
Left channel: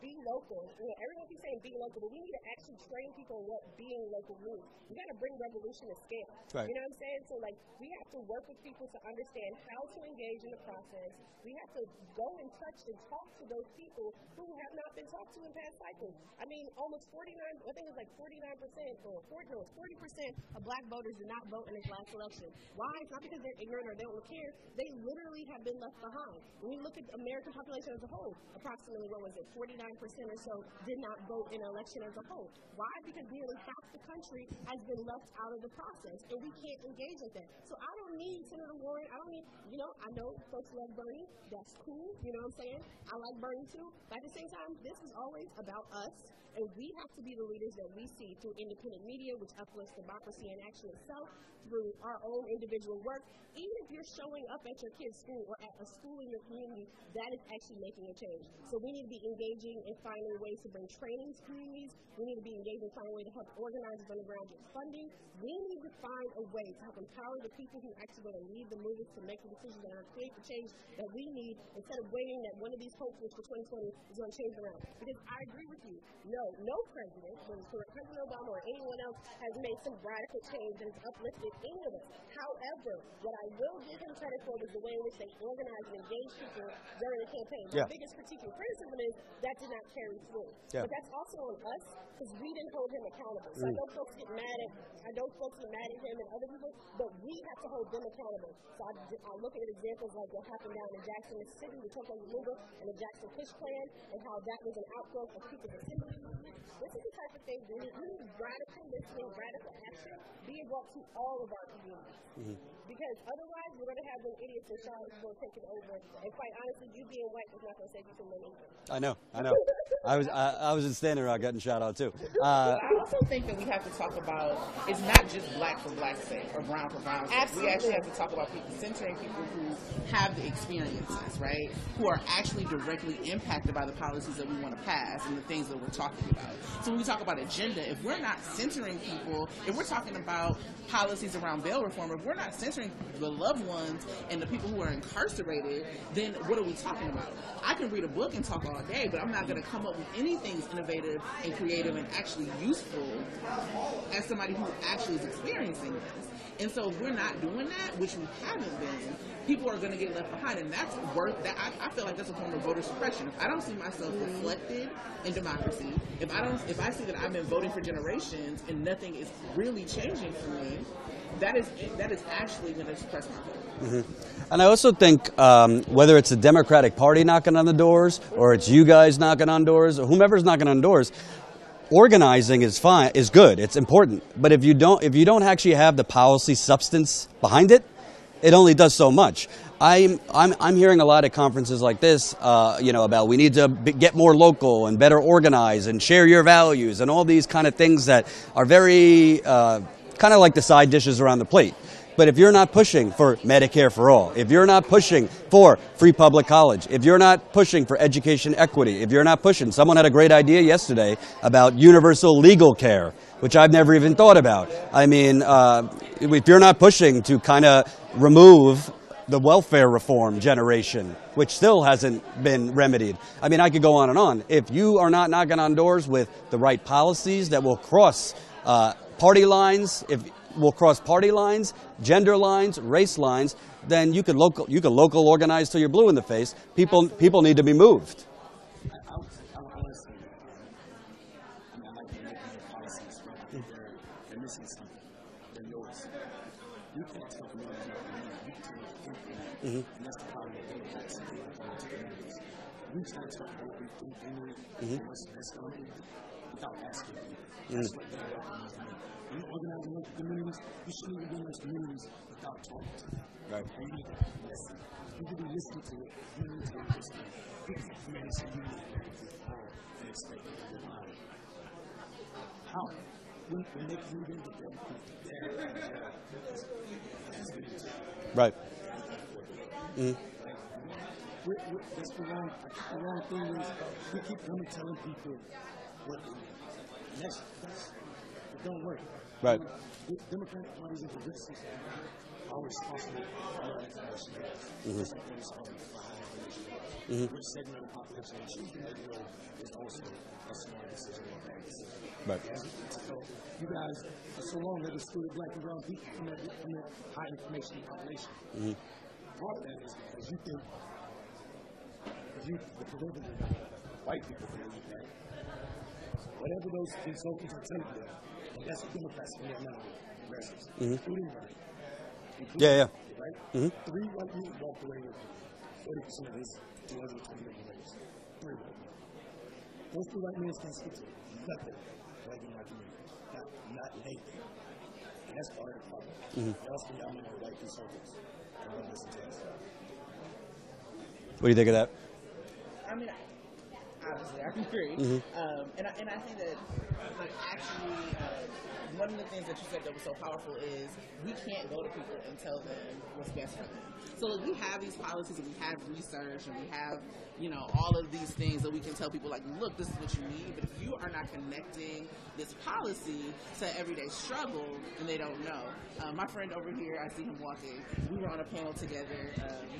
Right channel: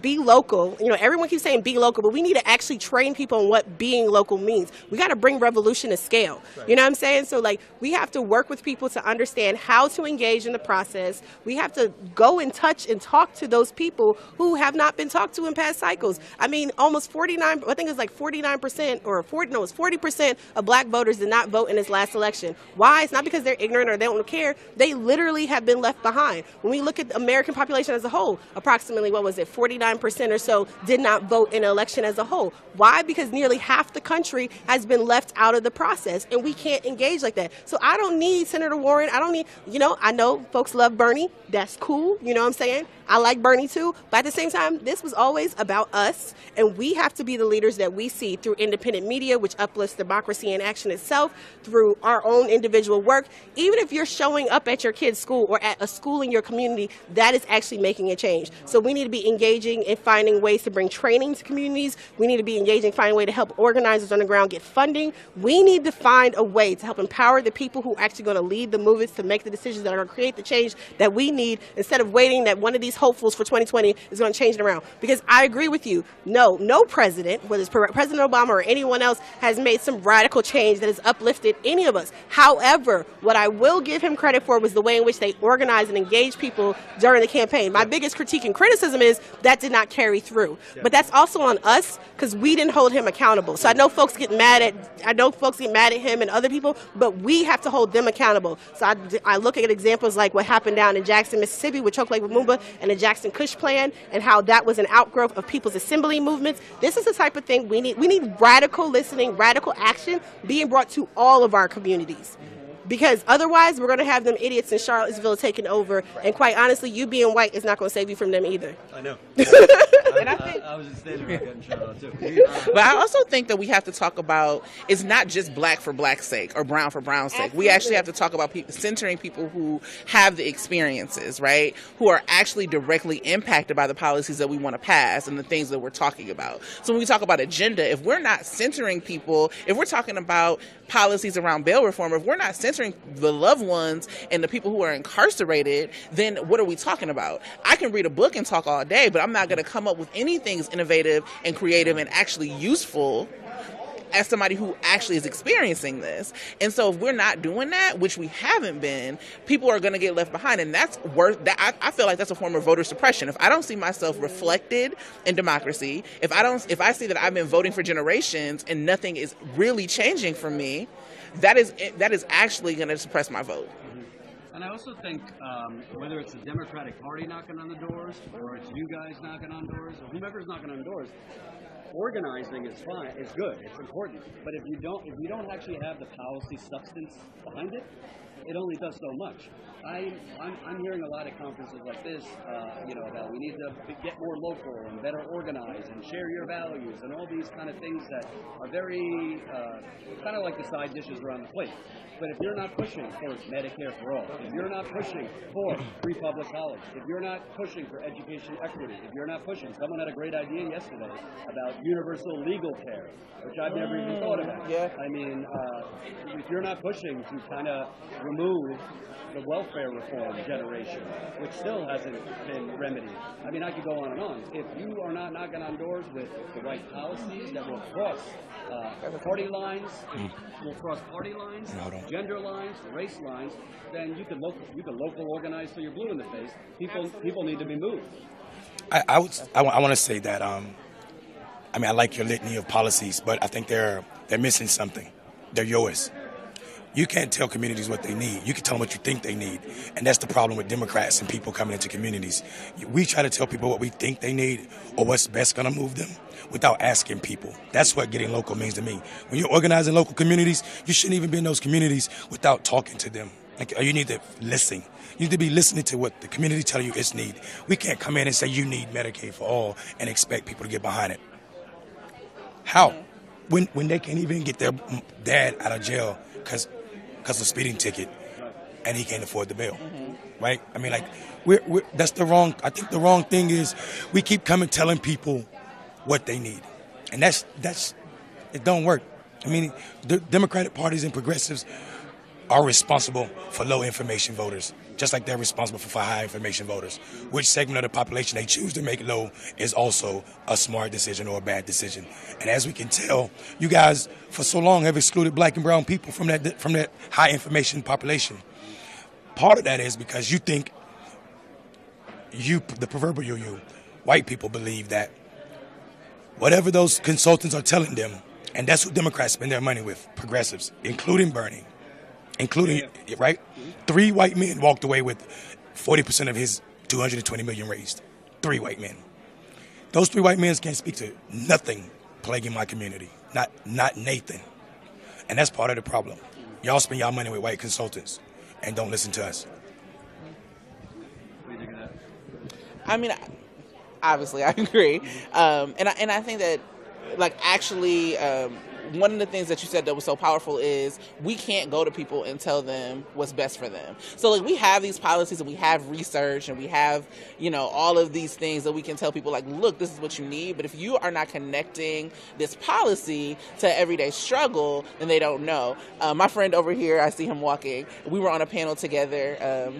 be local. Everyone keeps saying be local, but we need to actually train people on what being local means. We got to bring revolution to scale. Right. You know what I'm saying? So we have to work with people to understand how to engage in the process. We have to go and touch and talk to those people who have not been talked to in past cycles. I mean, almost 49%, I think it's like 49% or 40% of black voters did not vote in this last election. Why? It's not because they're ignorant or they don't care. They literally have been left behind. When we look at the American population as a whole, approximately, 49% or so did not vote in an election as a whole. Why? Because nearly half the country has been left out of the process, and we can't engage like that. So I don't need Senator Warren. I don't need, I know folks love Bernie. That's cool. You know what I'm saying? I like Bernie too. But at the same time, this was always about us, and we have to be the leaders that we see through independent media, which uplifts democracy in action itself, through our own individual work. Even if you're showing up at your kid's school or at a school in your community, that is actually making a change. So we need to be engaging in finding ways to bring training to communities. We need to be engaging, finding a way to help organizers on the ground get funding. We need to find a way to help empower the people who are actually going to lead the movements to make the decisions that are going to create the change that we need, instead of waiting that one of these hopefuls for 2020 is going to change it around. Because I agree with you. No president, whether it's President Obama or anyone else, has made some radical change that has uplifted any of us. However, what I will give him credit for was the way in which they organized and engaged people during the campaign. My biggest critique and criticism is that did not carry through. Yeah. But that's also on us, because we didn't hold him accountable. So I know folks get mad at him and other people, but we have to hold them accountable. So I look at examples like what happened down in Jackson, Mississippi with Choke Lake Lumumba and the Jackson Kush plan, and how that was an outgrowth of people's assembly movements. This is the type of thing we need. We need radical listening, radical action being brought to all of our communities. Because otherwise, we're going to have them idiots in Charlottesville taking over. And quite honestly, you being white is not going to save you from them either. I know. I was in Standing Rock getting shot out too. But I also think that we have to talk about it's not just black for black's sake or brown for brown's sake. We actually have to talk about centering people who have the experiences, right? Who are actually directly impacted by the policies that we want to pass and the things that we're talking about. So when we talk about agenda, if we're not centering people, if we're talking about policies around bail reform, if we're not centering the loved ones and the people who are incarcerated, then what are we talking about? I can read a book and talk all day, but I'm not going to come up with anything that's innovative and creative and actually useful as somebody who actually is experiencing this. And so if we're not doing that, which we haven't been, people are going to get left behind. And that's I feel like that's a form of voter suppression. If I don't see myself reflected in democracy, if I see that I've been voting for generations and nothing is really changing for me, that is actually going to suppress my vote. Mm-hmm. And I also think whether it's the Democratic Party knocking on the doors or it's you guys knocking on doors or whomever's knocking on doors, organizing is fine, is good, it's important. But if you don't actually have the policy substance behind it, it only does so much. I'm hearing a lot of conferences like this, about we need to get more local and better organize and share your values and all these kind of things that are very kind of like the side dishes around the plate. But if you're not pushing for Medicare for all, if you're not pushing for free public college, if you're not pushing for education equity, if you're not pushing, someone had a great idea yesterday about universal legal care, which I've never even thought about. I mean, if you're not pushing to kind of remove the welfare reform generation, which still hasn't been remedied. I mean, I could go on and on. If you are not knocking on doors with the right policies that will cross party lines, gender lines, race lines, then you can local organize till you're blue in the face. People need to be moved. I want to say that I like your litany of policies, but I think they're missing something. They're yours. You can't tell communities what they need. You can tell them what you think they need. Mm-hmm. And that's the problem with Democrats and people coming into communities. We try to tell people what we think they need or what's best going to move them without asking people. That's what getting local means to me. When you're organizing local communities, you shouldn't even be in those communities without talking to them. Like, you need to listen. You need to be listening to what the community tell you its need. We can't come in and say you need Medicaid for all and expect people to get behind it. How? When they can't even get their dad out of jail because of a speeding ticket, right? And he can't afford the bail, right? I mean, like, that's the wrong. I think the wrong thing is we keep coming telling people what they need, and that's it don't work. Right. I mean, the Democratic parties and progressives are responsible for low information voters, just like they're responsible for high information voters. Which segment of the population they choose to make low is also a smart decision or a bad decision. Right. And as we can tell, you guys for so long have excluded black and brown people from that high information population. Part of that is because you think the proverbial white people believe that whatever those consultants are telling them, and that's what Democrats spend their money with, progressives, including Bernie. Right? 3 white men walked away with 40% of his $220 million raised. 3 white men. Those 3 white men can't speak to nothing plaguing my community. Not Nathan. And that's part of the problem. Y'all spend y'all money with white consultants and don't listen to us. What do you think of that? I mean, obviously, I agree. And I think that, like, actually, one of the things that you said that was so powerful is we can't go to people and tell them what's best for them. So, like, we have these policies and we have research and we have, all of these things that we can tell people, like, look, this is what you need. But if you are not connecting this policy to everyday struggle, then they don't know. My friend over here, I see him walking. We were on a panel together.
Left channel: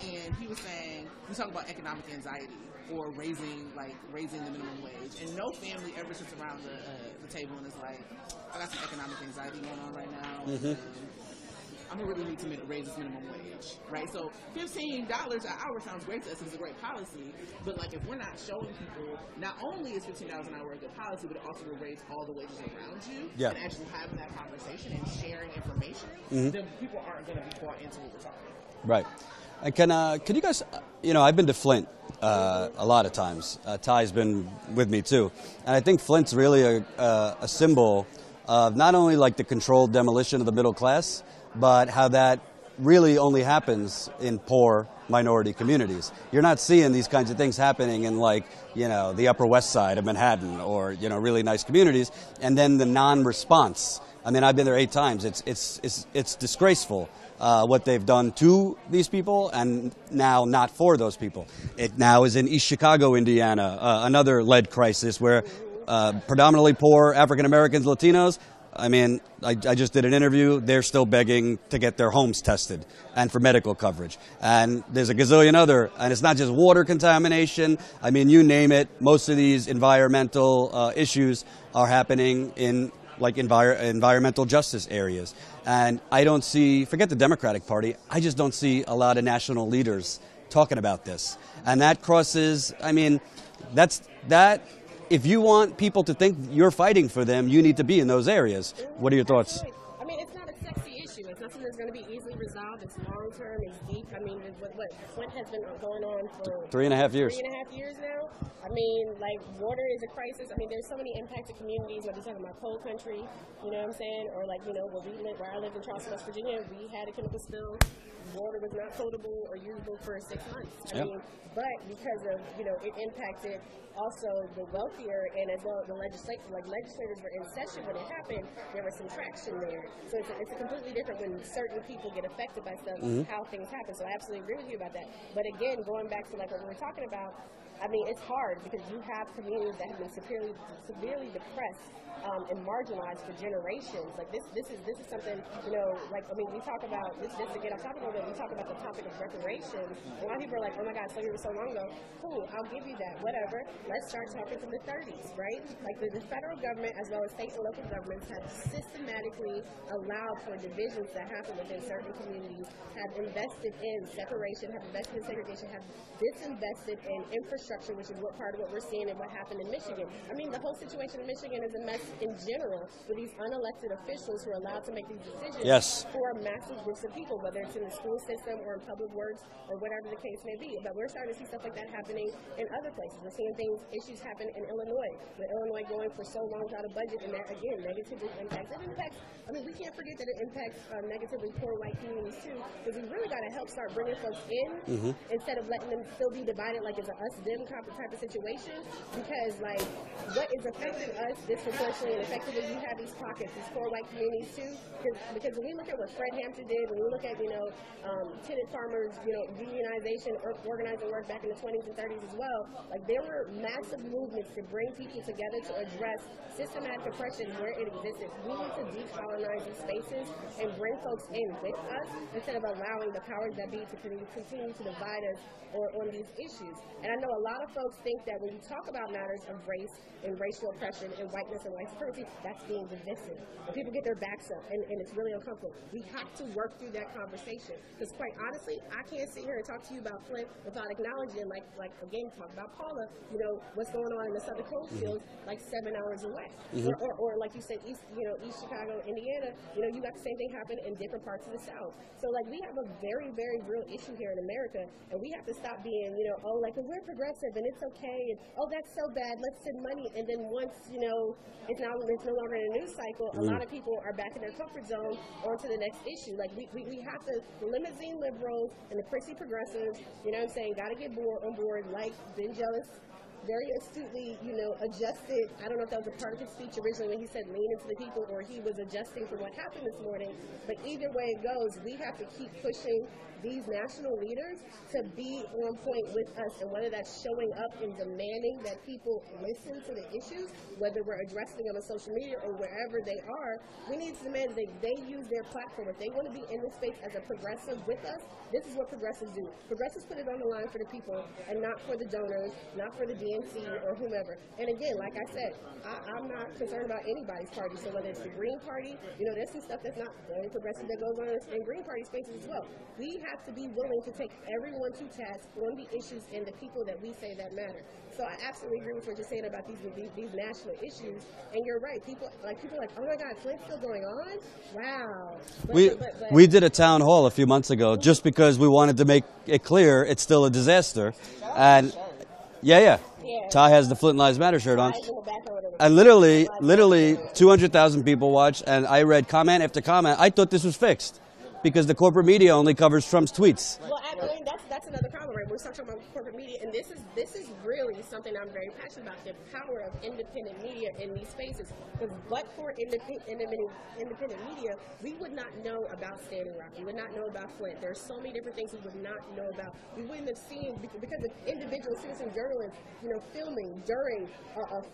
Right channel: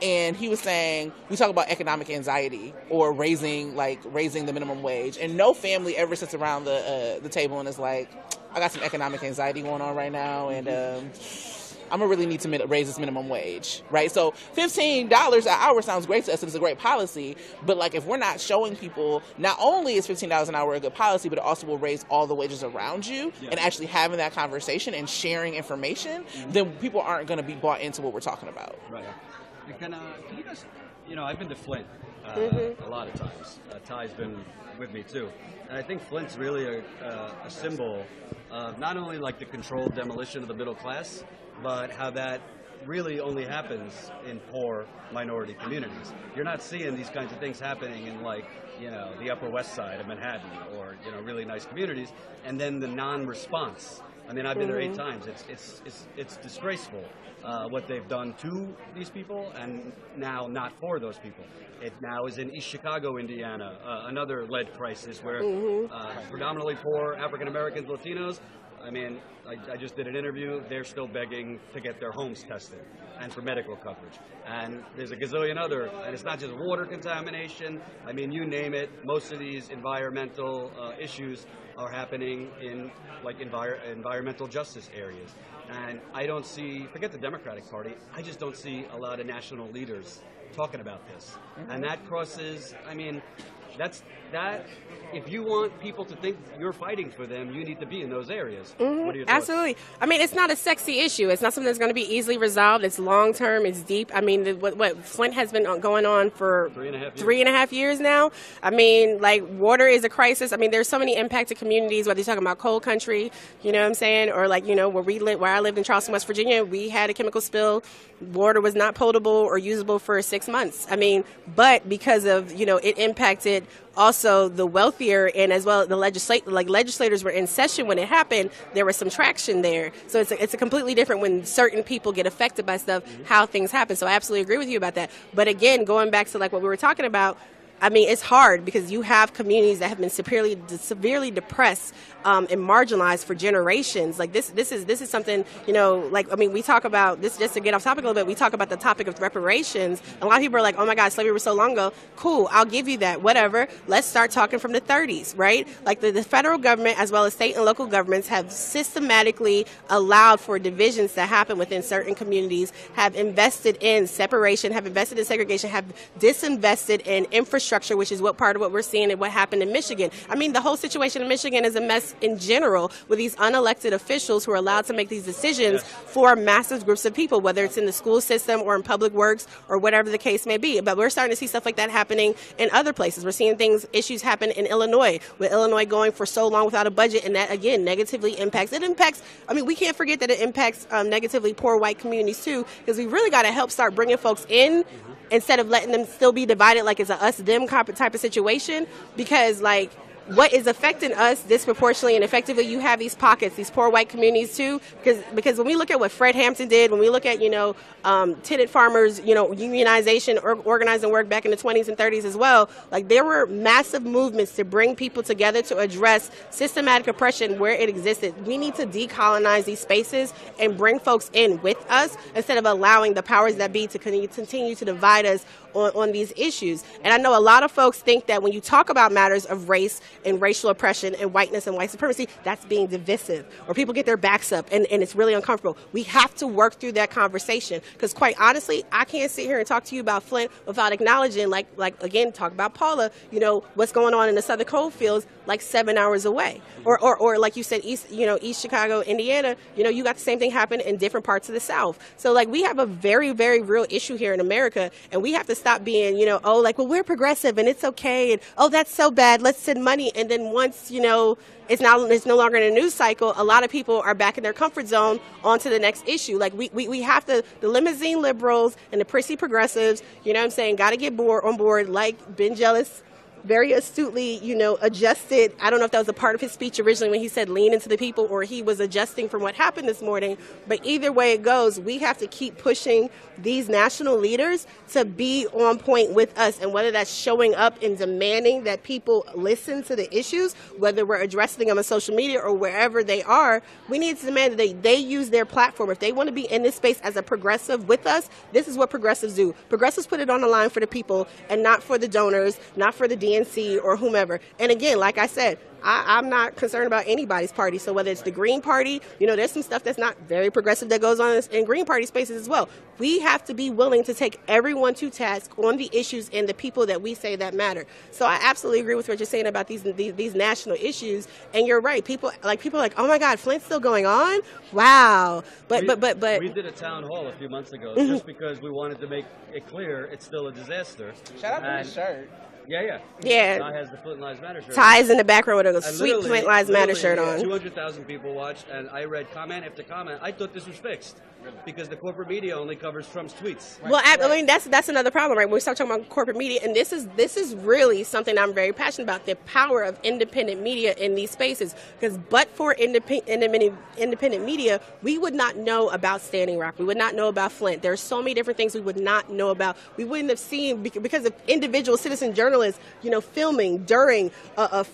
And he was saying, we talk about economic anxiety or raising the minimum wage. And no family ever sits around the table and is like, I got some economic anxiety going on right now, and I'm going to really need to raise this minimum wage, right? So $15 an hour sounds great to us, and it's a great policy. But, like, if we're not showing people, not only is $15 an hour a good policy, but it also will raise all the wages around you, and actually having that conversation and sharing information, then people aren't going to be bought into what we're talking about. Right. And can you guys, I've been to Flint a lot of times. Ty's been with me too. And I think Flint's really a symbol of not only like the controlled demolition of the middle class, but how that really only happens in poor minority communities. You're not seeing these kinds of things happening in, like, the Upper West Side of Manhattan, or really nice communities. And then the non-response. I mean, I've been there 8 times. It's disgraceful what they've done to these people, and now not for those people. It now is in East Chicago, Indiana, another lead crisis where predominantly poor African Americans, Latinos. I mean, I just did an interview. They're still begging to get their homes tested and for medical coverage. And there's a gazillion other, and it's not just water contamination. I mean, you name it. Most of these environmental issues are happening in, like, environmental justice areas. And I don't see, forget the Democratic Party, I just don't see a lot of national leaders talking about this. And that crosses, I mean, if you want people to think you're fighting for them, you need to be in those areas. What are your thoughts? Absolutely. I mean, it's not a sexy issue. It's not something that's going to be easily resolved. It's long term. It's deep. I mean, what Flint has been going on for 3.5 years. 3.5 years now. I mean, like, water is a crisis. I mean, there's so many impacted communities, whether you're talking about coal country, you know what I'm saying, or, like, where I lived in Charleston, West Virginia, we had a chemical spill. Water was not potable or usable for 6 months. I mean, but because of, it impacted also the wealthier, and as well the legislators were in session when it happened, there was some traction there. So it's a completely different when certain people get affected by stuff, how things happen. So I absolutely agree with you about that. But again, going back to, like, what we were talking about, I mean, it's hard because you have communities that have been severely depressed and marginalized for generations. Like, this is something, like, I mean, we talk about this, just to get off topic a little bit, we talk about the topic of reparations. A lot of people are like, oh my God, slavery was so long ago. Cool, I'll give you that, whatever. Let's start talking from the 30s, right? Like, the federal government as well as state and local governments have systematically allowed for divisions to happen within certain communities, have invested in separation, have invested in segregation, have disinvested in infrastructure, which is part of what we're seeing and what happened in Michigan. I mean, the whole situation in Michigan is a mess in general, with these unelected officials who are allowed to make these decisions for massive groups of people, whether it's in the school system or in public works or whatever the case may be. But we're starting to see stuff like that happening in other places. We're seeing issues happen in Illinois, with Illinois going for so long without a budget, and that, again, negatively impacts. I mean, we can't forget that it impacts negatively poor white communities too, because we really got to help start bringing folks in instead of letting them still be divided like it's a us-them type of situation, because, like, what is affecting us disproportionately and effectively, you have these pockets, these poor white communities too, because when we look at what Fred Hampton did, when we look at, tenant farmers, unionization, organizing work back in the 20s and 30s as well, like, there were massive movements to bring people together to address systematic oppression where it existed. We need to decolonize these spaces and bring folks in with us instead of allowing the powers that be to continue to divide us on these issues. And I know a lot of folks think that when you talk about matters of race and racial oppression and whiteness and white supremacy, that's being divisive, or people get their backs up and it's really uncomfortable. We have to work through that conversation, because, quite honestly, I can't sit here and talk to you about Flint without acknowledging, like again, talk about Paula, what's going on in the southern coal fields, like 7 hours away. Or like you said, East Chicago, Indiana, you got the same thing happen in different parts of the South. So, like, we have a very, very real issue here in America, and we have to stop being, well, we're progressive and it's okay, and that's so bad, let's send money. And then once, it's no longer in a news cycle, a lot of people are back in their comfort zone onto the next issue. Like, we have to, the limousine liberals and the prissy progressives, got to get on board, like Ben Jealous very astutely, adjusted. I don't know if that was a part of his speech originally when he said lean into the people, or he was adjusting from what happened this morning. But either way it goes, we have to keep pushing these national leaders to be on point with us, and whether that's showing up and demanding that people listen to the issues, whether we're addressing them on social media or wherever they are, we need to demand that they use their platform. If they want to be in this space as a progressive with us, this is what progressives do. Progressives put it on the line for the people and not for the donors, not for the DNC or whomever. And again, like I said, I'm not concerned about anybody's party. So whether it's the Green Party, there's some stuff that's not very progressive that goes on in Green Party spaces as well. We have to be willing to take everyone to task on the issues and the people that we say that matter. So I absolutely agree with what you're saying about these national issues. And you're right. People are like, oh my God, Flint's still going on? Wow. But we did a town hall a few months ago just because we wanted to make it clear it's still a disaster. Shout out to the shirt. Yeah. Ty has the Flint Lives Matter shirt on. Ty's in the background with a sweet Flint Lives Matter shirt on. 200,000 people watched, and I read comment after comment. I thought this was fixed. because the corporate media only covers Trump's tweets. Well, I mean, that's another problem, right? When we start talking about corporate media, and this is really something I'm very passionate about, the power of independent media in these spaces. Because but for independent media, we would not know about Standing Rock. We would not know about Flint. There are so many different things we would not know about. We wouldn't have seen, because of individual citizen journalists, filming during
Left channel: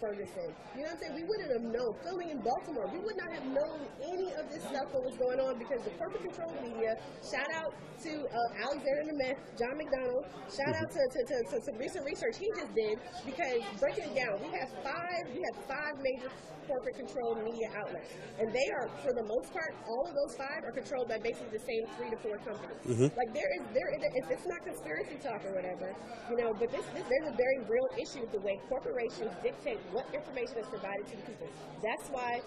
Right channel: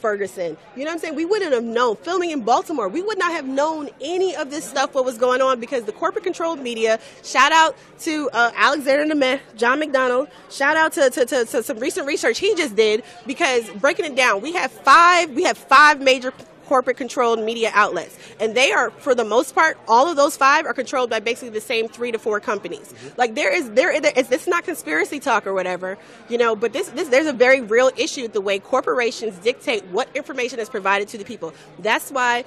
Ferguson. You know what I'm saying? We wouldn't have known. Filming in Baltimore, we would not have known any of this stuff, what was going on, because the corporate controlled media, shout out to Alexander Nemeth, John McDonald, shout out to some recent research he just did, because breaking it down, we have five major corporate controlled media outlets, and they are, for the most part, all of those five are controlled by basically the same 3 to 4 companies. Like it's not conspiracy talk or whatever, but there's a very real issue the way corporations dictate what information is provided to the people. That's why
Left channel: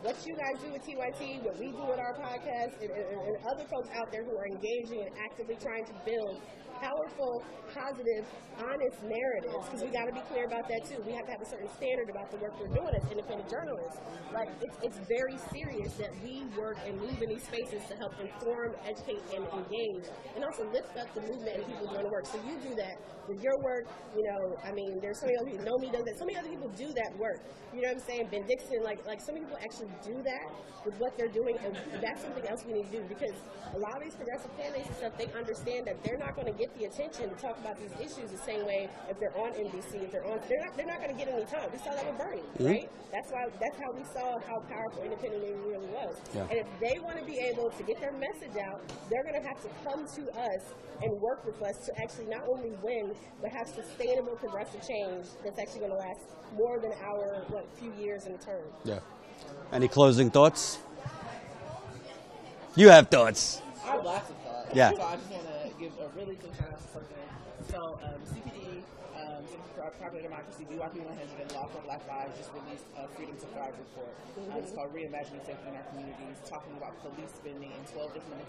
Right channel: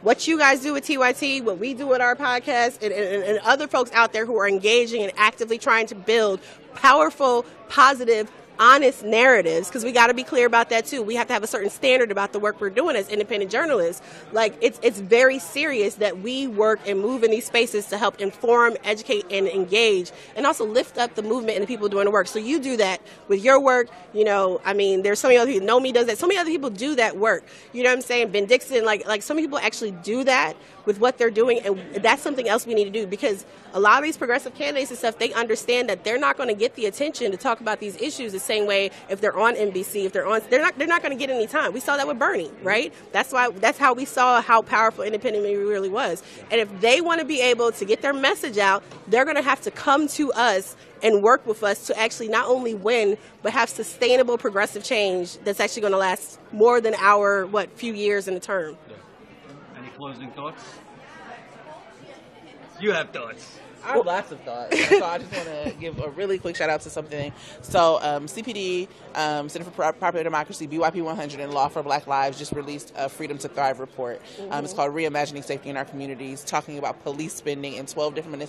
what you guys do with TYT, what we do with our podcast, and other folks out there who are engaging and actively trying to build powerful, positive, honest narratives, because we got to be clear about that too. We have to have a certain standard about the work we're doing as independent journalists. Like it's very serious that we work and move in these spaces to help inform, educate, and engage, and also lift up the movement and the people doing the work. So you do that with your work. There's so many other people. Nomi does that. So many other people do that work. You know what I'm saying? Ben Dixon, like so many people actually do that with what they're doing, and that's something else we need to do, because a lot of these progressive candidates and stuff, they understand that they're not going to get the attention to talk about these issues the same way if they're on NBC, they're not going to get any time. We saw that with Bernie, right? That's how we saw how powerful independent media really was. Yeah. And if they want to be able to get their message out, they're going to have to come to us and work with us to actually not only win, but have sustainable progressive change that's actually going to last more than our few years in the term. Yeah. Any closing thoughts? You have thoughts. I have lots of thoughts. Yeah. So I just want to give a really quick shout out to something. So CPD, Center for Popular Democracy, BYP 100, and Law for Black Lives just released a Freedom to Thrive report. It's called Reimagining Safety in Our Communities, talking about police spending in 12 different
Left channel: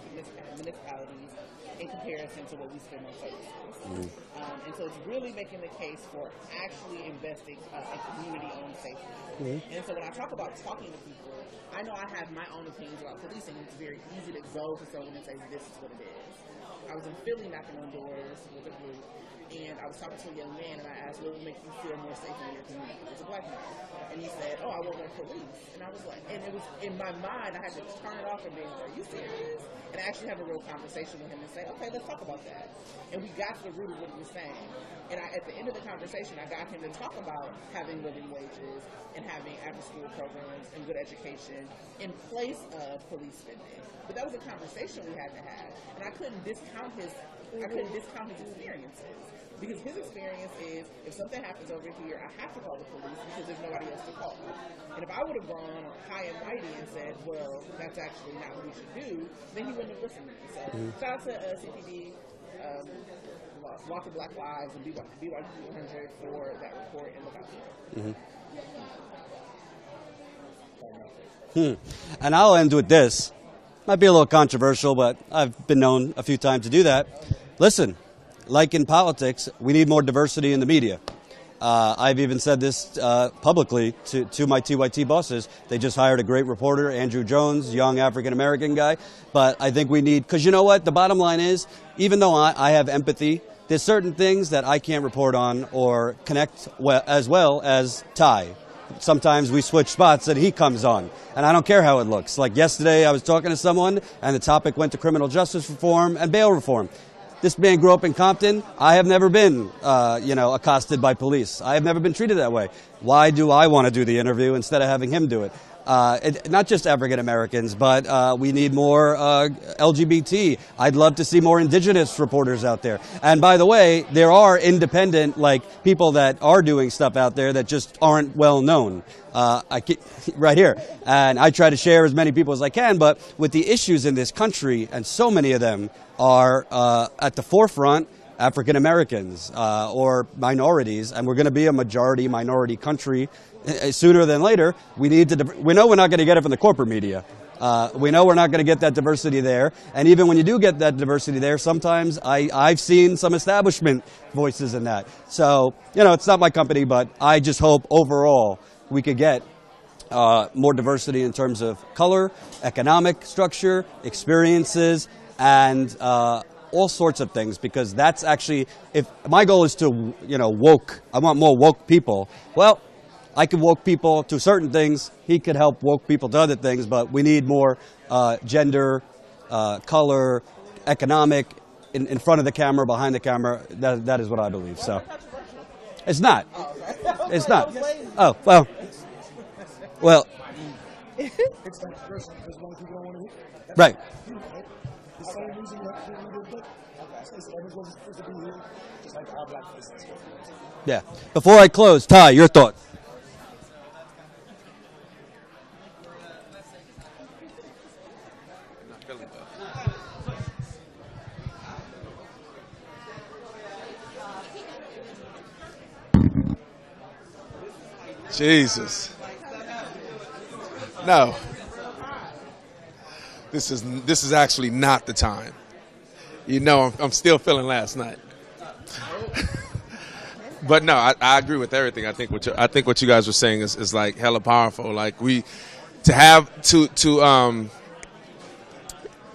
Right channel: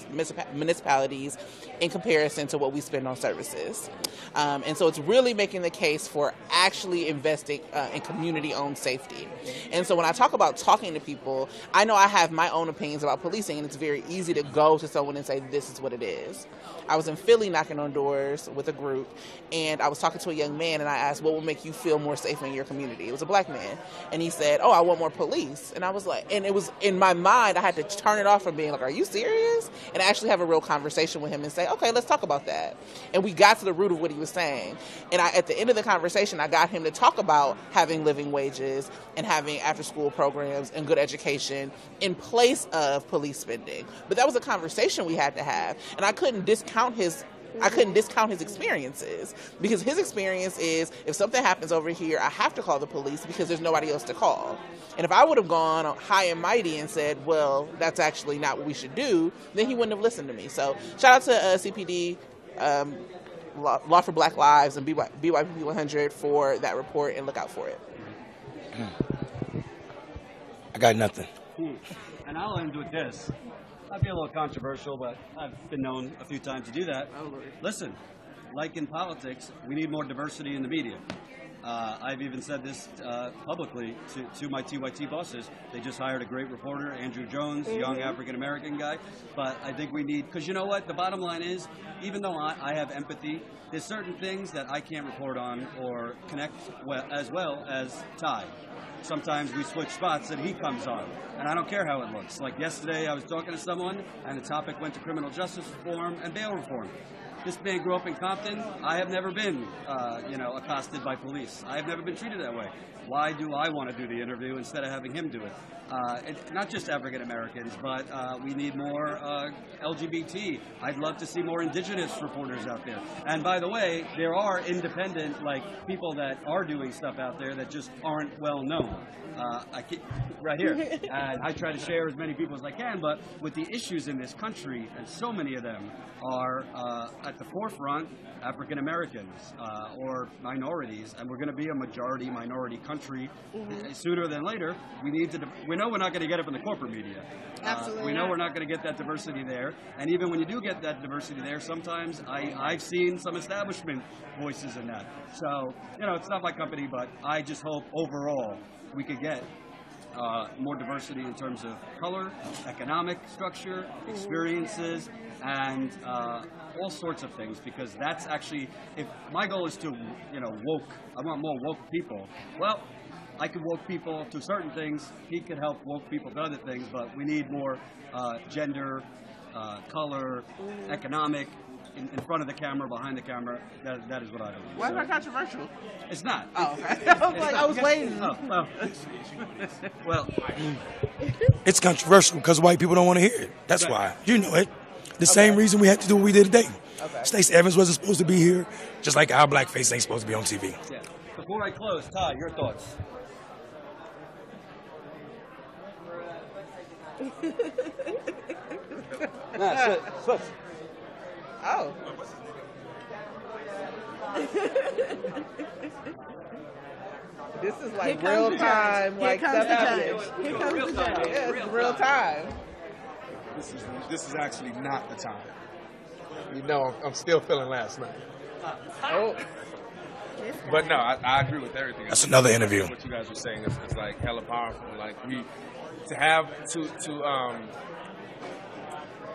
municipalities in comparison to what we spend on services. And so it's really making the case for actually investing in community-owned safety. And so when I talk about talking to people, I know I have my own opinions about policing, and it's very easy to go to someone and say, this is what it is. I was in Philly knocking on doors with a group, and I was talking to a young man, and I asked, what will make you feel more safe in your community? It was a black man. And he said, I want more police. And I was like, and it was in my mind, I had to turn it off from being like, are you serious? And actually have a real conversation with him and say, okay, let's talk about that. And we got to the root of what he was saying. And at the end of the conversation, I got him to talk about having living wages and having after-school programs and good education in place of police spending. But that was a conversation we had to have. And I couldn't discount his experiences, because his experience is, if something happens over here, I have to call the police because there's nobody else to call. And if I would have gone high and mighty and said, well, that's actually not what we should do, then he wouldn't have listened to me. So shout out to CPD, Law for Black Lives, and BYP 100 for that report, and look out for it. I got nothing. And I'll end with this. Might be a little controversial, but I've been known a few times to do that. Listen, like in politics, we need more diversity in the media. I've even said this publicly to my TYT bosses. They just hired a great reporter, Andrew Jones, young African-American guy. But I think we need, because you know what? The bottom line is, even though I have empathy, there's certain things that I can't report on or connect as well as Ty. Sometimes we switch spots and he comes on. And I don't care how it looks. Like yesterday I was talking to someone and the topic went to criminal justice reform and bail reform. This man grew up in Compton. I have never been, accosted by police. I have never been treated that way. Why do I want to do the interview instead of having him do it? Not just African Americans, but we need more LGBT. I'd love to see more indigenous reporters out there. And by the way, there are independent, people that are doing stuff out there that just aren't well known. Right here. And I try to share as many people as I can, but with the issues in this country, and so many of them are at the forefront, African Americans or minorities, and we're going to be a majority minority country sooner than later. We know we're not going to get it from the corporate media. We know we're not going to get that diversity there. And even when you do get that diversity there, sometimes I've seen some establishment voices in that. So, it's not my company, but I just hope overall we could get more diversity in terms of color, economic structure, experiences, and all sorts of things, because that's actually, if my goal is to, I want more woke people. Well, I can woke people to certain things. He could help woke people to other things, but we need more gender, color, economic, in front of the camera, behind the camera. That is what I believe. Why So is that controversial? it's not. Oh, okay. It's I not. was waiting. Oh, well, It's controversial because white people don't want to hear it. That's Right. why. You know it. The same reason we had to do what we did today. Stacy Evans wasn't supposed to be here, just like our blackface ain't supposed to be on TV. yeah. Before I close, Ty, your thought. Oh. This is like real Jesus. time, like stuff happening. No, It's real time. this is actually not the time. I'm still feeling last night. But no, I agree with everything. I think what you guys were saying is like hella powerful. Like you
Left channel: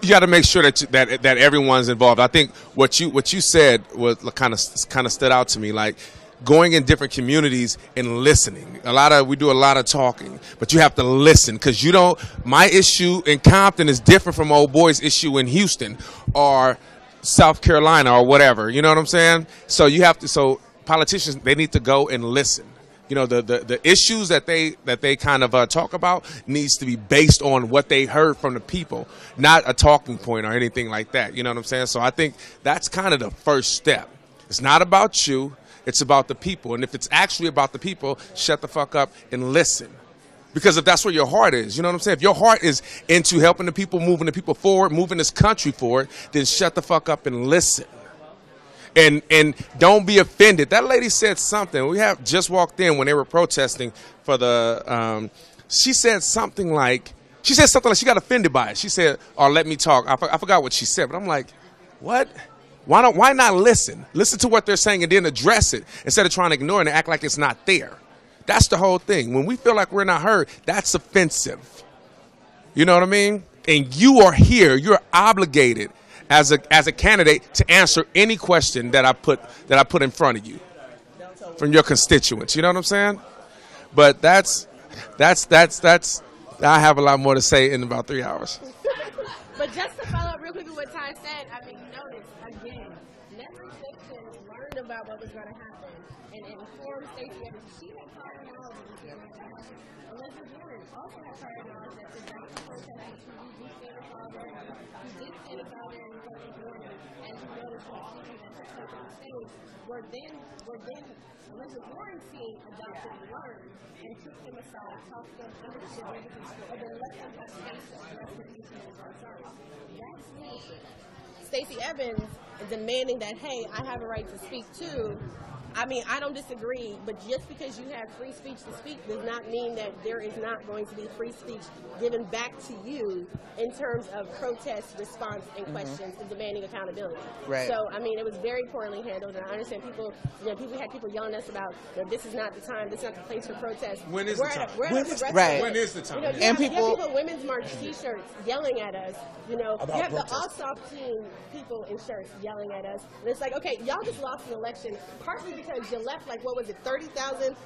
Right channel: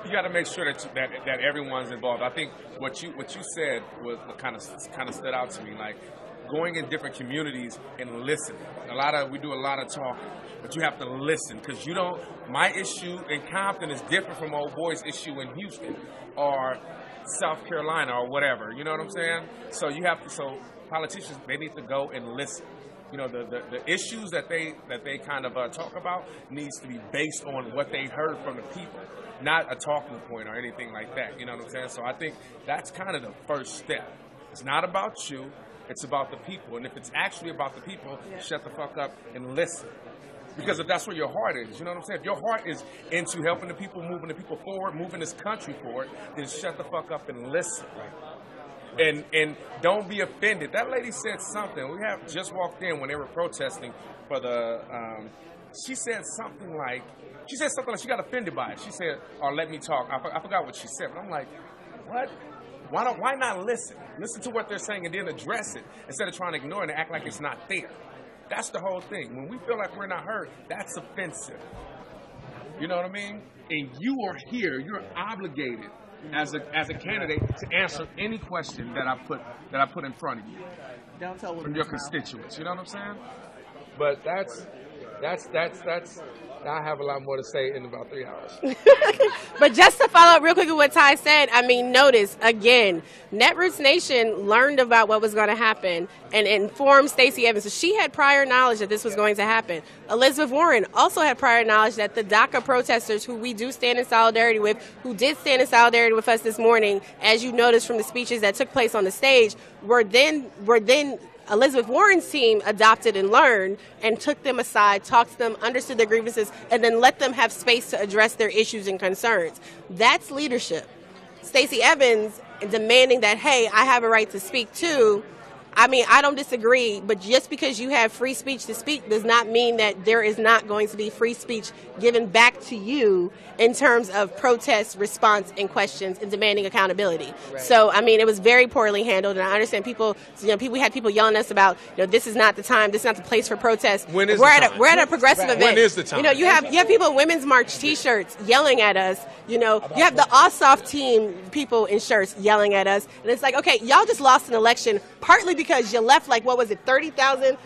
got to make sure that everyone's involved. I think what you said was kind of stood out to me. Like going in different communities and listening. We do a lot of talking, but you have to listen, because my issue in Compton is different from old boy's issue in Houston or South Carolina or whatever. You know what I'm saying? So politicians, they need to go and listen. The issues that they kind of talk about needs to be based on what they heard from the people, not a talking point or anything like that. You know what I'm saying? So I think that's kind of the first step. It's not about you. It's about the people. And if it's actually about the people, shut the fuck up and listen. Because if that's where your heart is, you know what I'm saying? If your heart is into helping the people, moving the people forward, moving this country forward, then shut the fuck up and listen. And don't be offended. That lady said something. We have just walked in when they were protesting for the. She said something like she got offended by it. She said, "Oh, let me talk." I forgot what she said, but I'm like, what? Why not listen? Listen to what they're saying and then address it instead of trying to ignore it and act like it's not there. That's the whole thing. When we feel like we're not heard, that's offensive. You know what I mean? And you are here. You're obligated as a candidate to answer any question that I put in front of you from your constituents. You know what I'm saying? But that's I have a lot more to say in about 3 hours. But just to follow up real quick with what Ty said, notice, again, Netroots Nation learned about what was going to happen and informed Stacy Evans. So she had prior knowledge that this was going to happen. Elizabeth Warren also had prior knowledge that the DACA protesters, who we do stand in solidarity with, who did stand in solidarity with us this morning, as you noticed from the speeches that took place on the stage, were then Elizabeth Warren's team adopted and learned and took them aside, talked to them, understood their grievances, and then let them have space to address their issues and concerns. That's leadership. Stacey Evans demanding that, hey, I have a right to speak too. I don't disagree, but just because you have free speech to speak does not mean that there is not going to be free speech given back to you in terms of protest, response, and questions and demanding accountability. Right. So, it was very poorly handled, and I understand people, we had people yelling at us about, this is not the time, this is not the place for protest. When is we're the at time? a progressive Right. event. When is the time? You have people in Women's March T-shirts yelling at us. You have the Ossoff team people in shirts yelling at us, and it's like, okay, y'all just lost an election partly because you left 30,000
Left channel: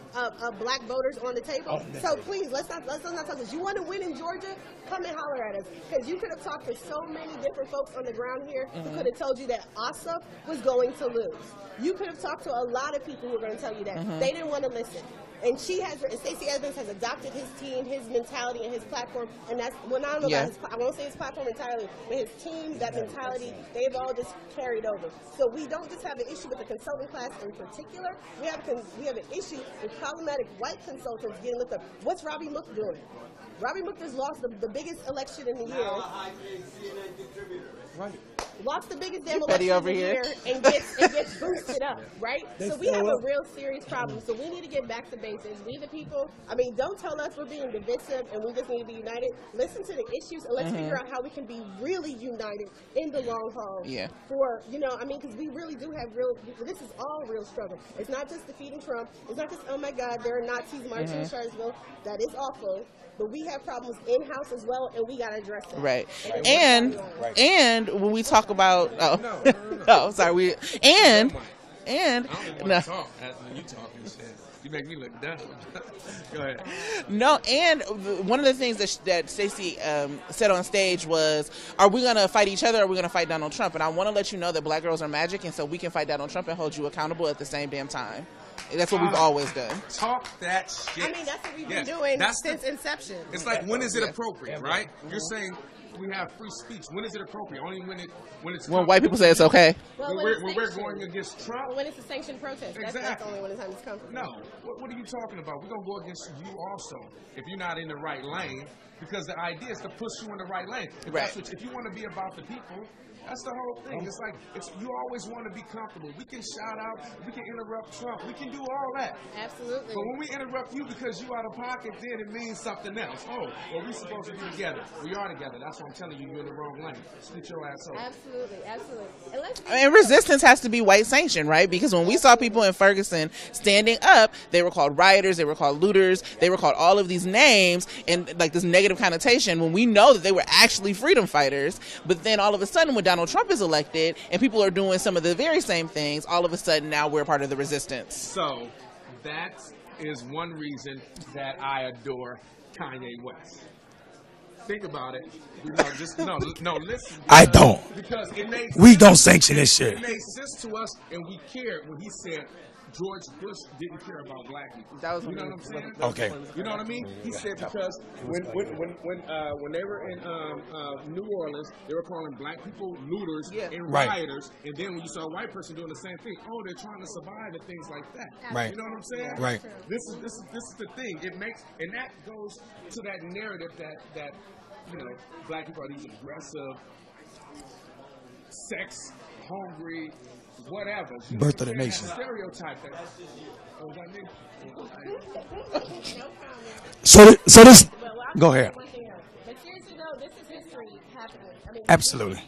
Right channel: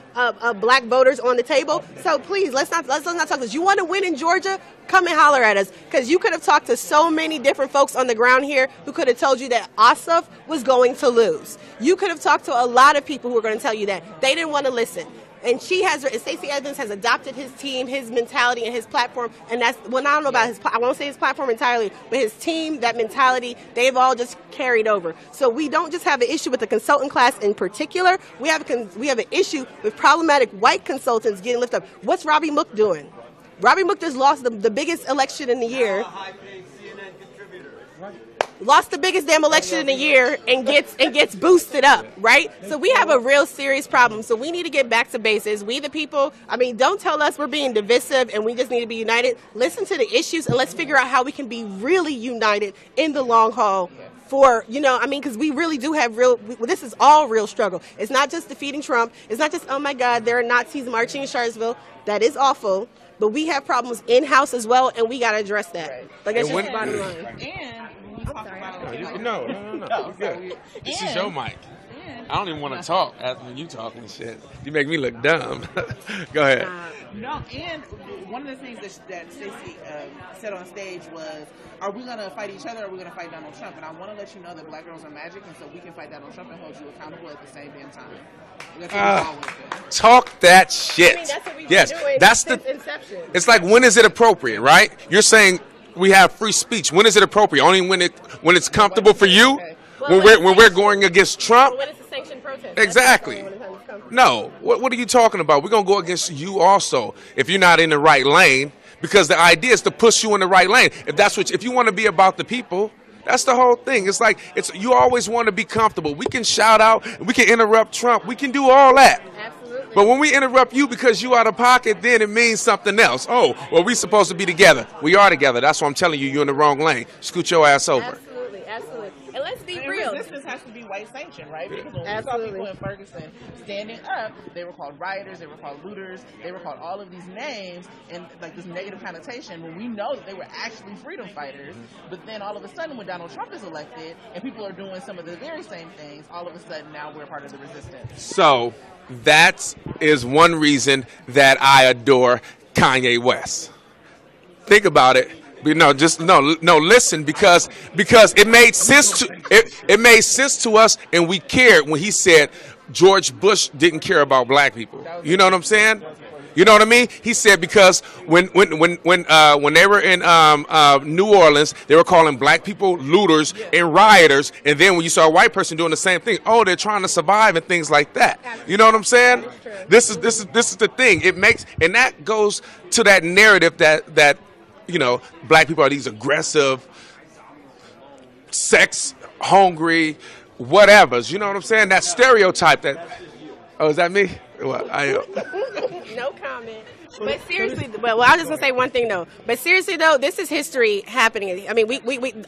black voters on the table. So please, let's not talk this. You want to win in Georgia? Come and holler at us, because you could have talked to so many different folks on the ground here who could have told you that Ossoff was going to lose. You could have talked to a lot of people who were going to tell you that. They didn't want to listen. And Stacey Evans has adopted his team, his mentality, and his platform. And that's, I don't know about I won't say his platform entirely, but his team, that mentality, they've all just carried over. So we don't just have an issue with the consultant class in particular. We have an issue with problematic white consultants getting lifted up. What's Robbie Mook doing? Robbie Mook just lost the biggest election in the year. lost the biggest damn election in a year and gets boosted up, right? So we have a real serious problem. So we need to get back to bases. We the people, I mean, don't tell us we're being divisive and we just need to be united. Listen to the issues and let's figure out how we can be really united in the long haul. Yeah. For, you know, I mean, because we really do have this is all real struggle. It's not just defeating Trump. It's not just, oh my God, there are Nazis marching in Charlottesville. That is awful. But we have problems in-house as well, and we got to address that. Right. Like, And when we talk about... No, sorry. No, Mike. And I don't even want to talk after you talking shit. You make me look dumb. Go ahead. No, and one of the things that Stacy said on stage was, are we going to fight each other or are we going to fight Donald Trump? And I want to let you know that black girls are magic, and so we can fight Donald Trump and hold you accountable at the same damn time. And that's what we've always done. Talk that shit. I mean, that's what we've yes, been doing that's since inception. It's like, when is it appropriate, right? You're saying we have free speech. When is it appropriate? Only when it's comfortable for you. Okay. When we're going against Trump. When it's a sanctioned protest. Exactly. No. What are you talking about? We're gonna go against you also if you're not in the right lane. Because the idea is to push you in the right lane. If you want to be about the people. That's the whole thing. It's like you always want to be comfortable. We can shout out, we can interrupt Trump, we can do all that. Absolutely. But when we interrupt you because you out of pocket, then it means something else. Oh, well, we supposed to be together. We are together. That's why I'm telling you, you're in the wrong lane. Scoot your ass over. Absolutely. And let's be And real. resistance has to be white sanctioned, right? Because when we saw people in Ferguson standing up, they were called rioters, they were called looters, they were called all of these names and like this negative connotation when we know that they were actually freedom fighters. But then all of a sudden when Donald Trump is elected and people are doing some of the very same things, all of a sudden now we're part of the resistance. So that is one reason that I adore Kanye West. Think about it. Listen, because it made We sense. don't sanction this shit. It made sense to us, and we cared when he said George Bush didn't care about black people. You know what I'm saying? Okay. You know what I mean? He said because when they were in New Orleans, they were calling black people looters and rioters, and then when you saw a white person doing the same thing, oh, they're trying to survive and things like that. Right. You know what I'm saying? Right. This is the thing. It makes, and that goes to that narrative that black people are these aggressive, sex hungry, whatevers. You know what I'm saying? That stereotype that. Oh, is that me? Well, No comment. So this. Well, I'll just Go say ahead. one thing though. But seriously though, this is history happening. I mean,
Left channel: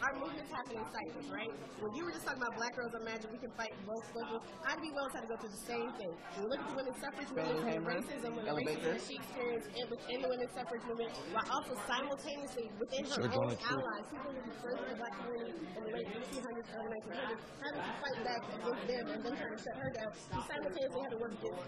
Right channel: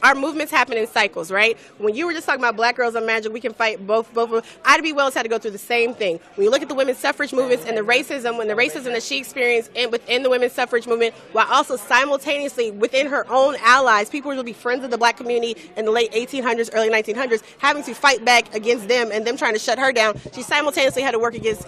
our movements happen in cycles, right? When you were just talking about black girls on magic, we can fight both. Ida B. Wells had to go through the same thing. When you look at the women's suffrage movements and the racism that she experienced within the women's suffrage movement, while also simultaneously within her own allies, people who would be friends of the black community in the late 1800s, early 1900s, having to fight back against them and them trying to shut her down. She simultaneously had to work against,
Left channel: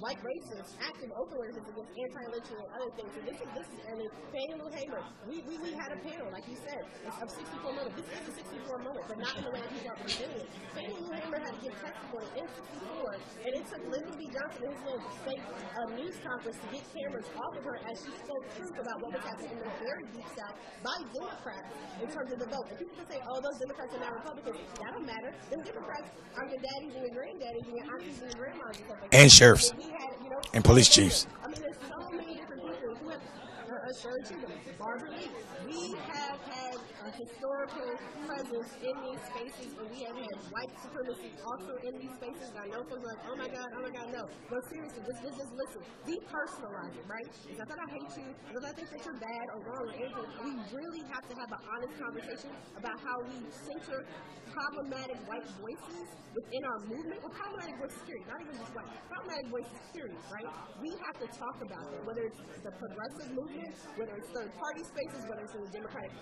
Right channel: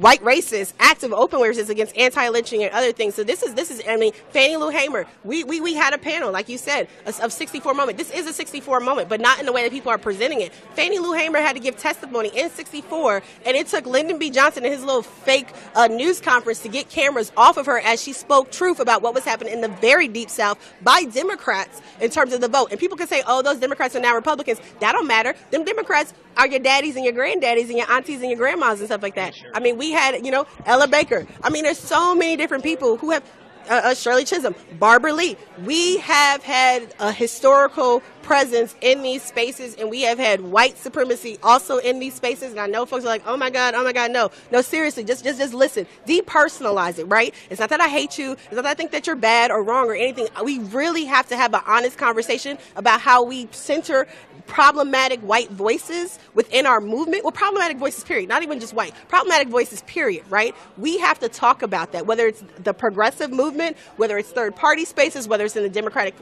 white racists, active open racists against anti-lynching and other things. So this is I mean, Fannie Lou Hamer, we had a panel, like you said, of 64 moment. This is a 64 moment, but not in the way that people are presenting it. Fannie Lou Hamer had to give testimony in 64, and it took Lyndon B. Johnson and his little fake news conference to get cameras off of her as she spoke truth about what was happening in the very deep South by Democrats in terms of the vote. And people can say, oh, those Democrats are now Republicans. That don't matter. Them Democrats are your daddies and your granddaddies and your aunties and your grandmas and stuff like that. And sheriffs. I mean, we had, And Ella police Baker. chiefs. I mean, there's so many different people who have, Shirley Chisholm, Barbara Lee. We have had a historical presence in these spaces, and we have had white supremacy also in these spaces. And I know folks are like, oh my God, no. No, seriously, just listen. Depersonalize it, right? It's not that I hate you. It's not that I think that you're bad or wrong or anything. We really have to have an honest conversation about how we center problematic white voices within our movement. Well, problematic voices, period. Not even just white. Problematic voices, period, right? We have to talk about that, whether it's the progressive movement, whether it's third-party spaces, whether it's in the Democratic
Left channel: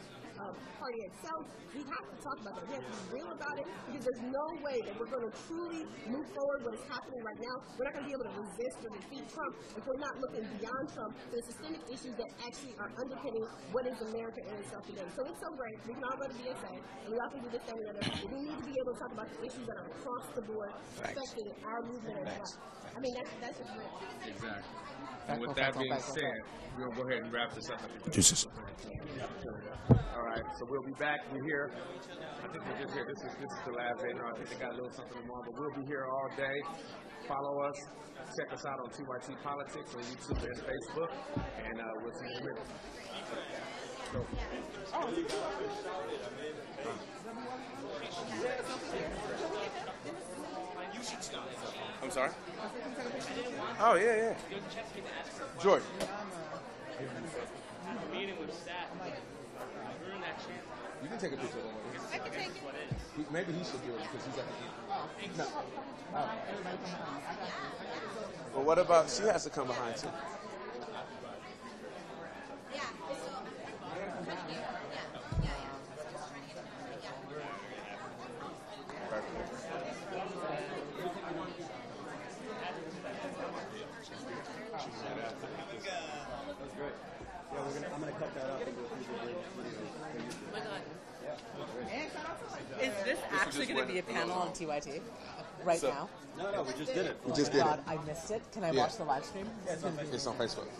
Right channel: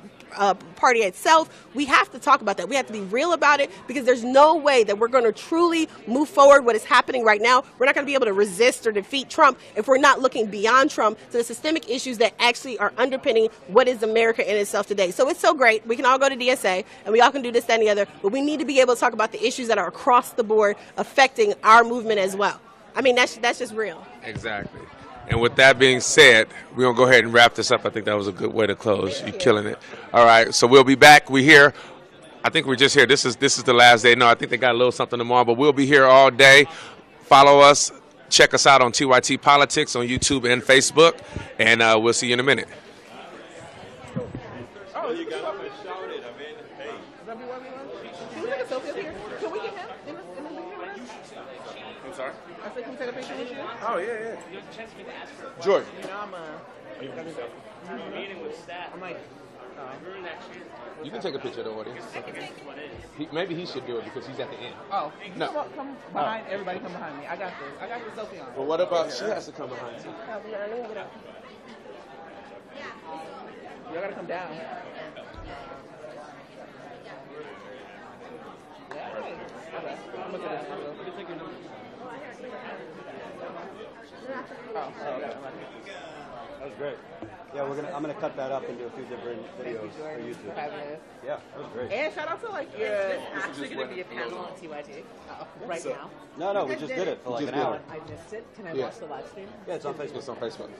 Party itself. We have to talk about that. We have to be real about it because there's no way that we're going to truly move forward what is happening right now. We're not going to be able to resist or defeat Trump if we're not looking beyond Trump to the systemic issues that actually are underpinning what is America in itself today. So it's so great. We can all go to DSA and we all can do this, that, and the other, but we need to be able to talk about the issues that are across the board affecting our movement as well. I mean, that's just real. Exactly. And with that being said, we're going to go ahead and wrap this up. I think that was a good way to close. You're killing it. All right, so we'll be back. We're here. I think we're just here. This is the last day. No, I think they got a little something tomorrow, but we'll be here all day. Follow us. Check us out on TYT Politics on YouTube and Facebook, and we'll see you in a minute. Oh, yeah. Jordan. You can take a picture of the audience. Maybe he should be with you because he's at the end. Oh, No. Come behind. Everybody come behind me. I got this. I got the selfie on. Well, what about she has to come behind too? Y'all gotta come down. That was great. Yeah, I'm gonna cut that up into a few different videos for YouTube. Yeah, that was great. And shout out to like Is this actually going to be a panel on TYT right now? No, we just did it for like an hour. I missed it. Can I Yeah. watch the live stream? Yeah, it's on Facebook. It's on Facebook.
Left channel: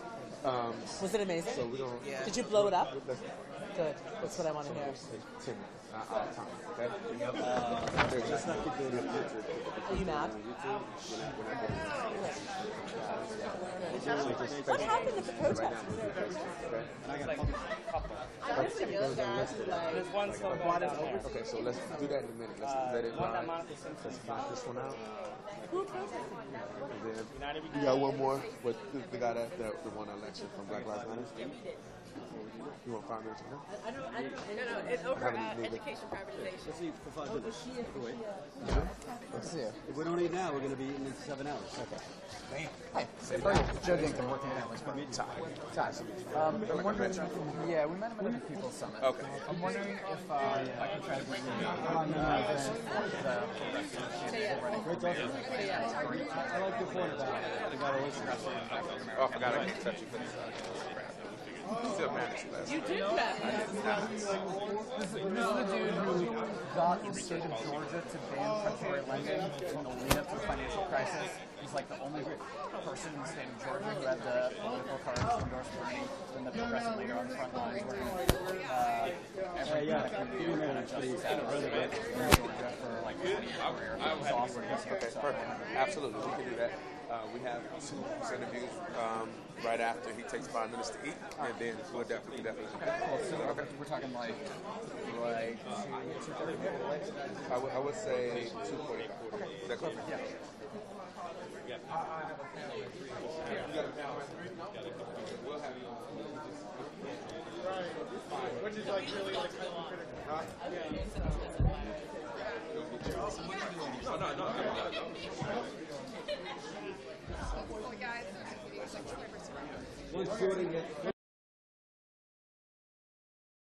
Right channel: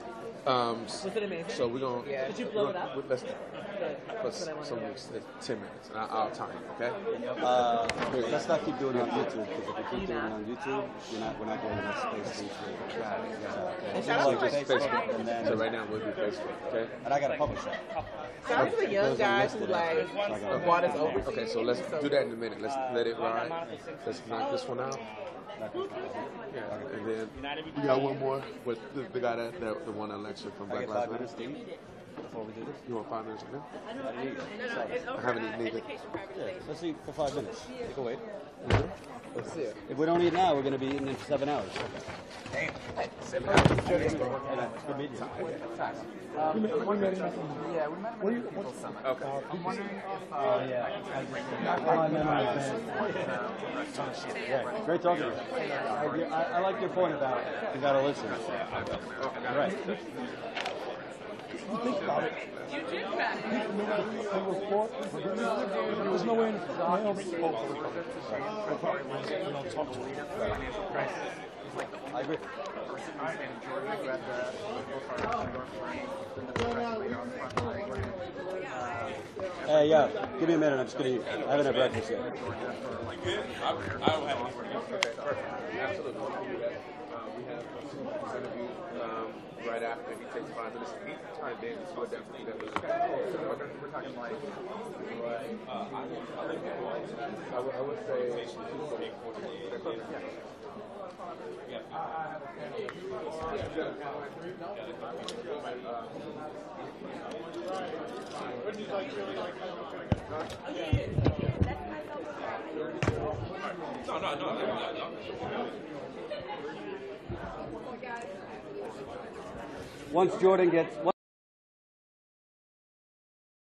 Was it amazing? So we're going to... Did you blow it up? Let's, Good. That's what I wanted to know. it's 10 minutes, and I'll time it, okay? Let's not keep doing it on YouTube, because if we keep doing it on YouTube, we're not getting this space. shout out to like Facebook, and So then, right now we'll do Facebook, okay? and I got to publish it. shout out to the young guys who like brought us over. Okay, so let's do that in a minute. Let's let it ride. Let's knock this one out. And then you got one more with the guy that won the election from Black Lives Matter. You want 5 minutes? Okay? I haven't even been Let's eat for 5 minutes. Go wait. Let's see it. If we don't eat now, we're going to be eating in 7 hours. Great talking to you. I like your point about you got to listen. Right. I agree. Hey, yeah, give me a minute. I'm just going to eat. I haven't had breakfast yet. Absolutely, we can do that. We have this interview right after he takes 5 minutes to eat, and then we'll definitely. We're talking like I would say 2. Once Jordan gets...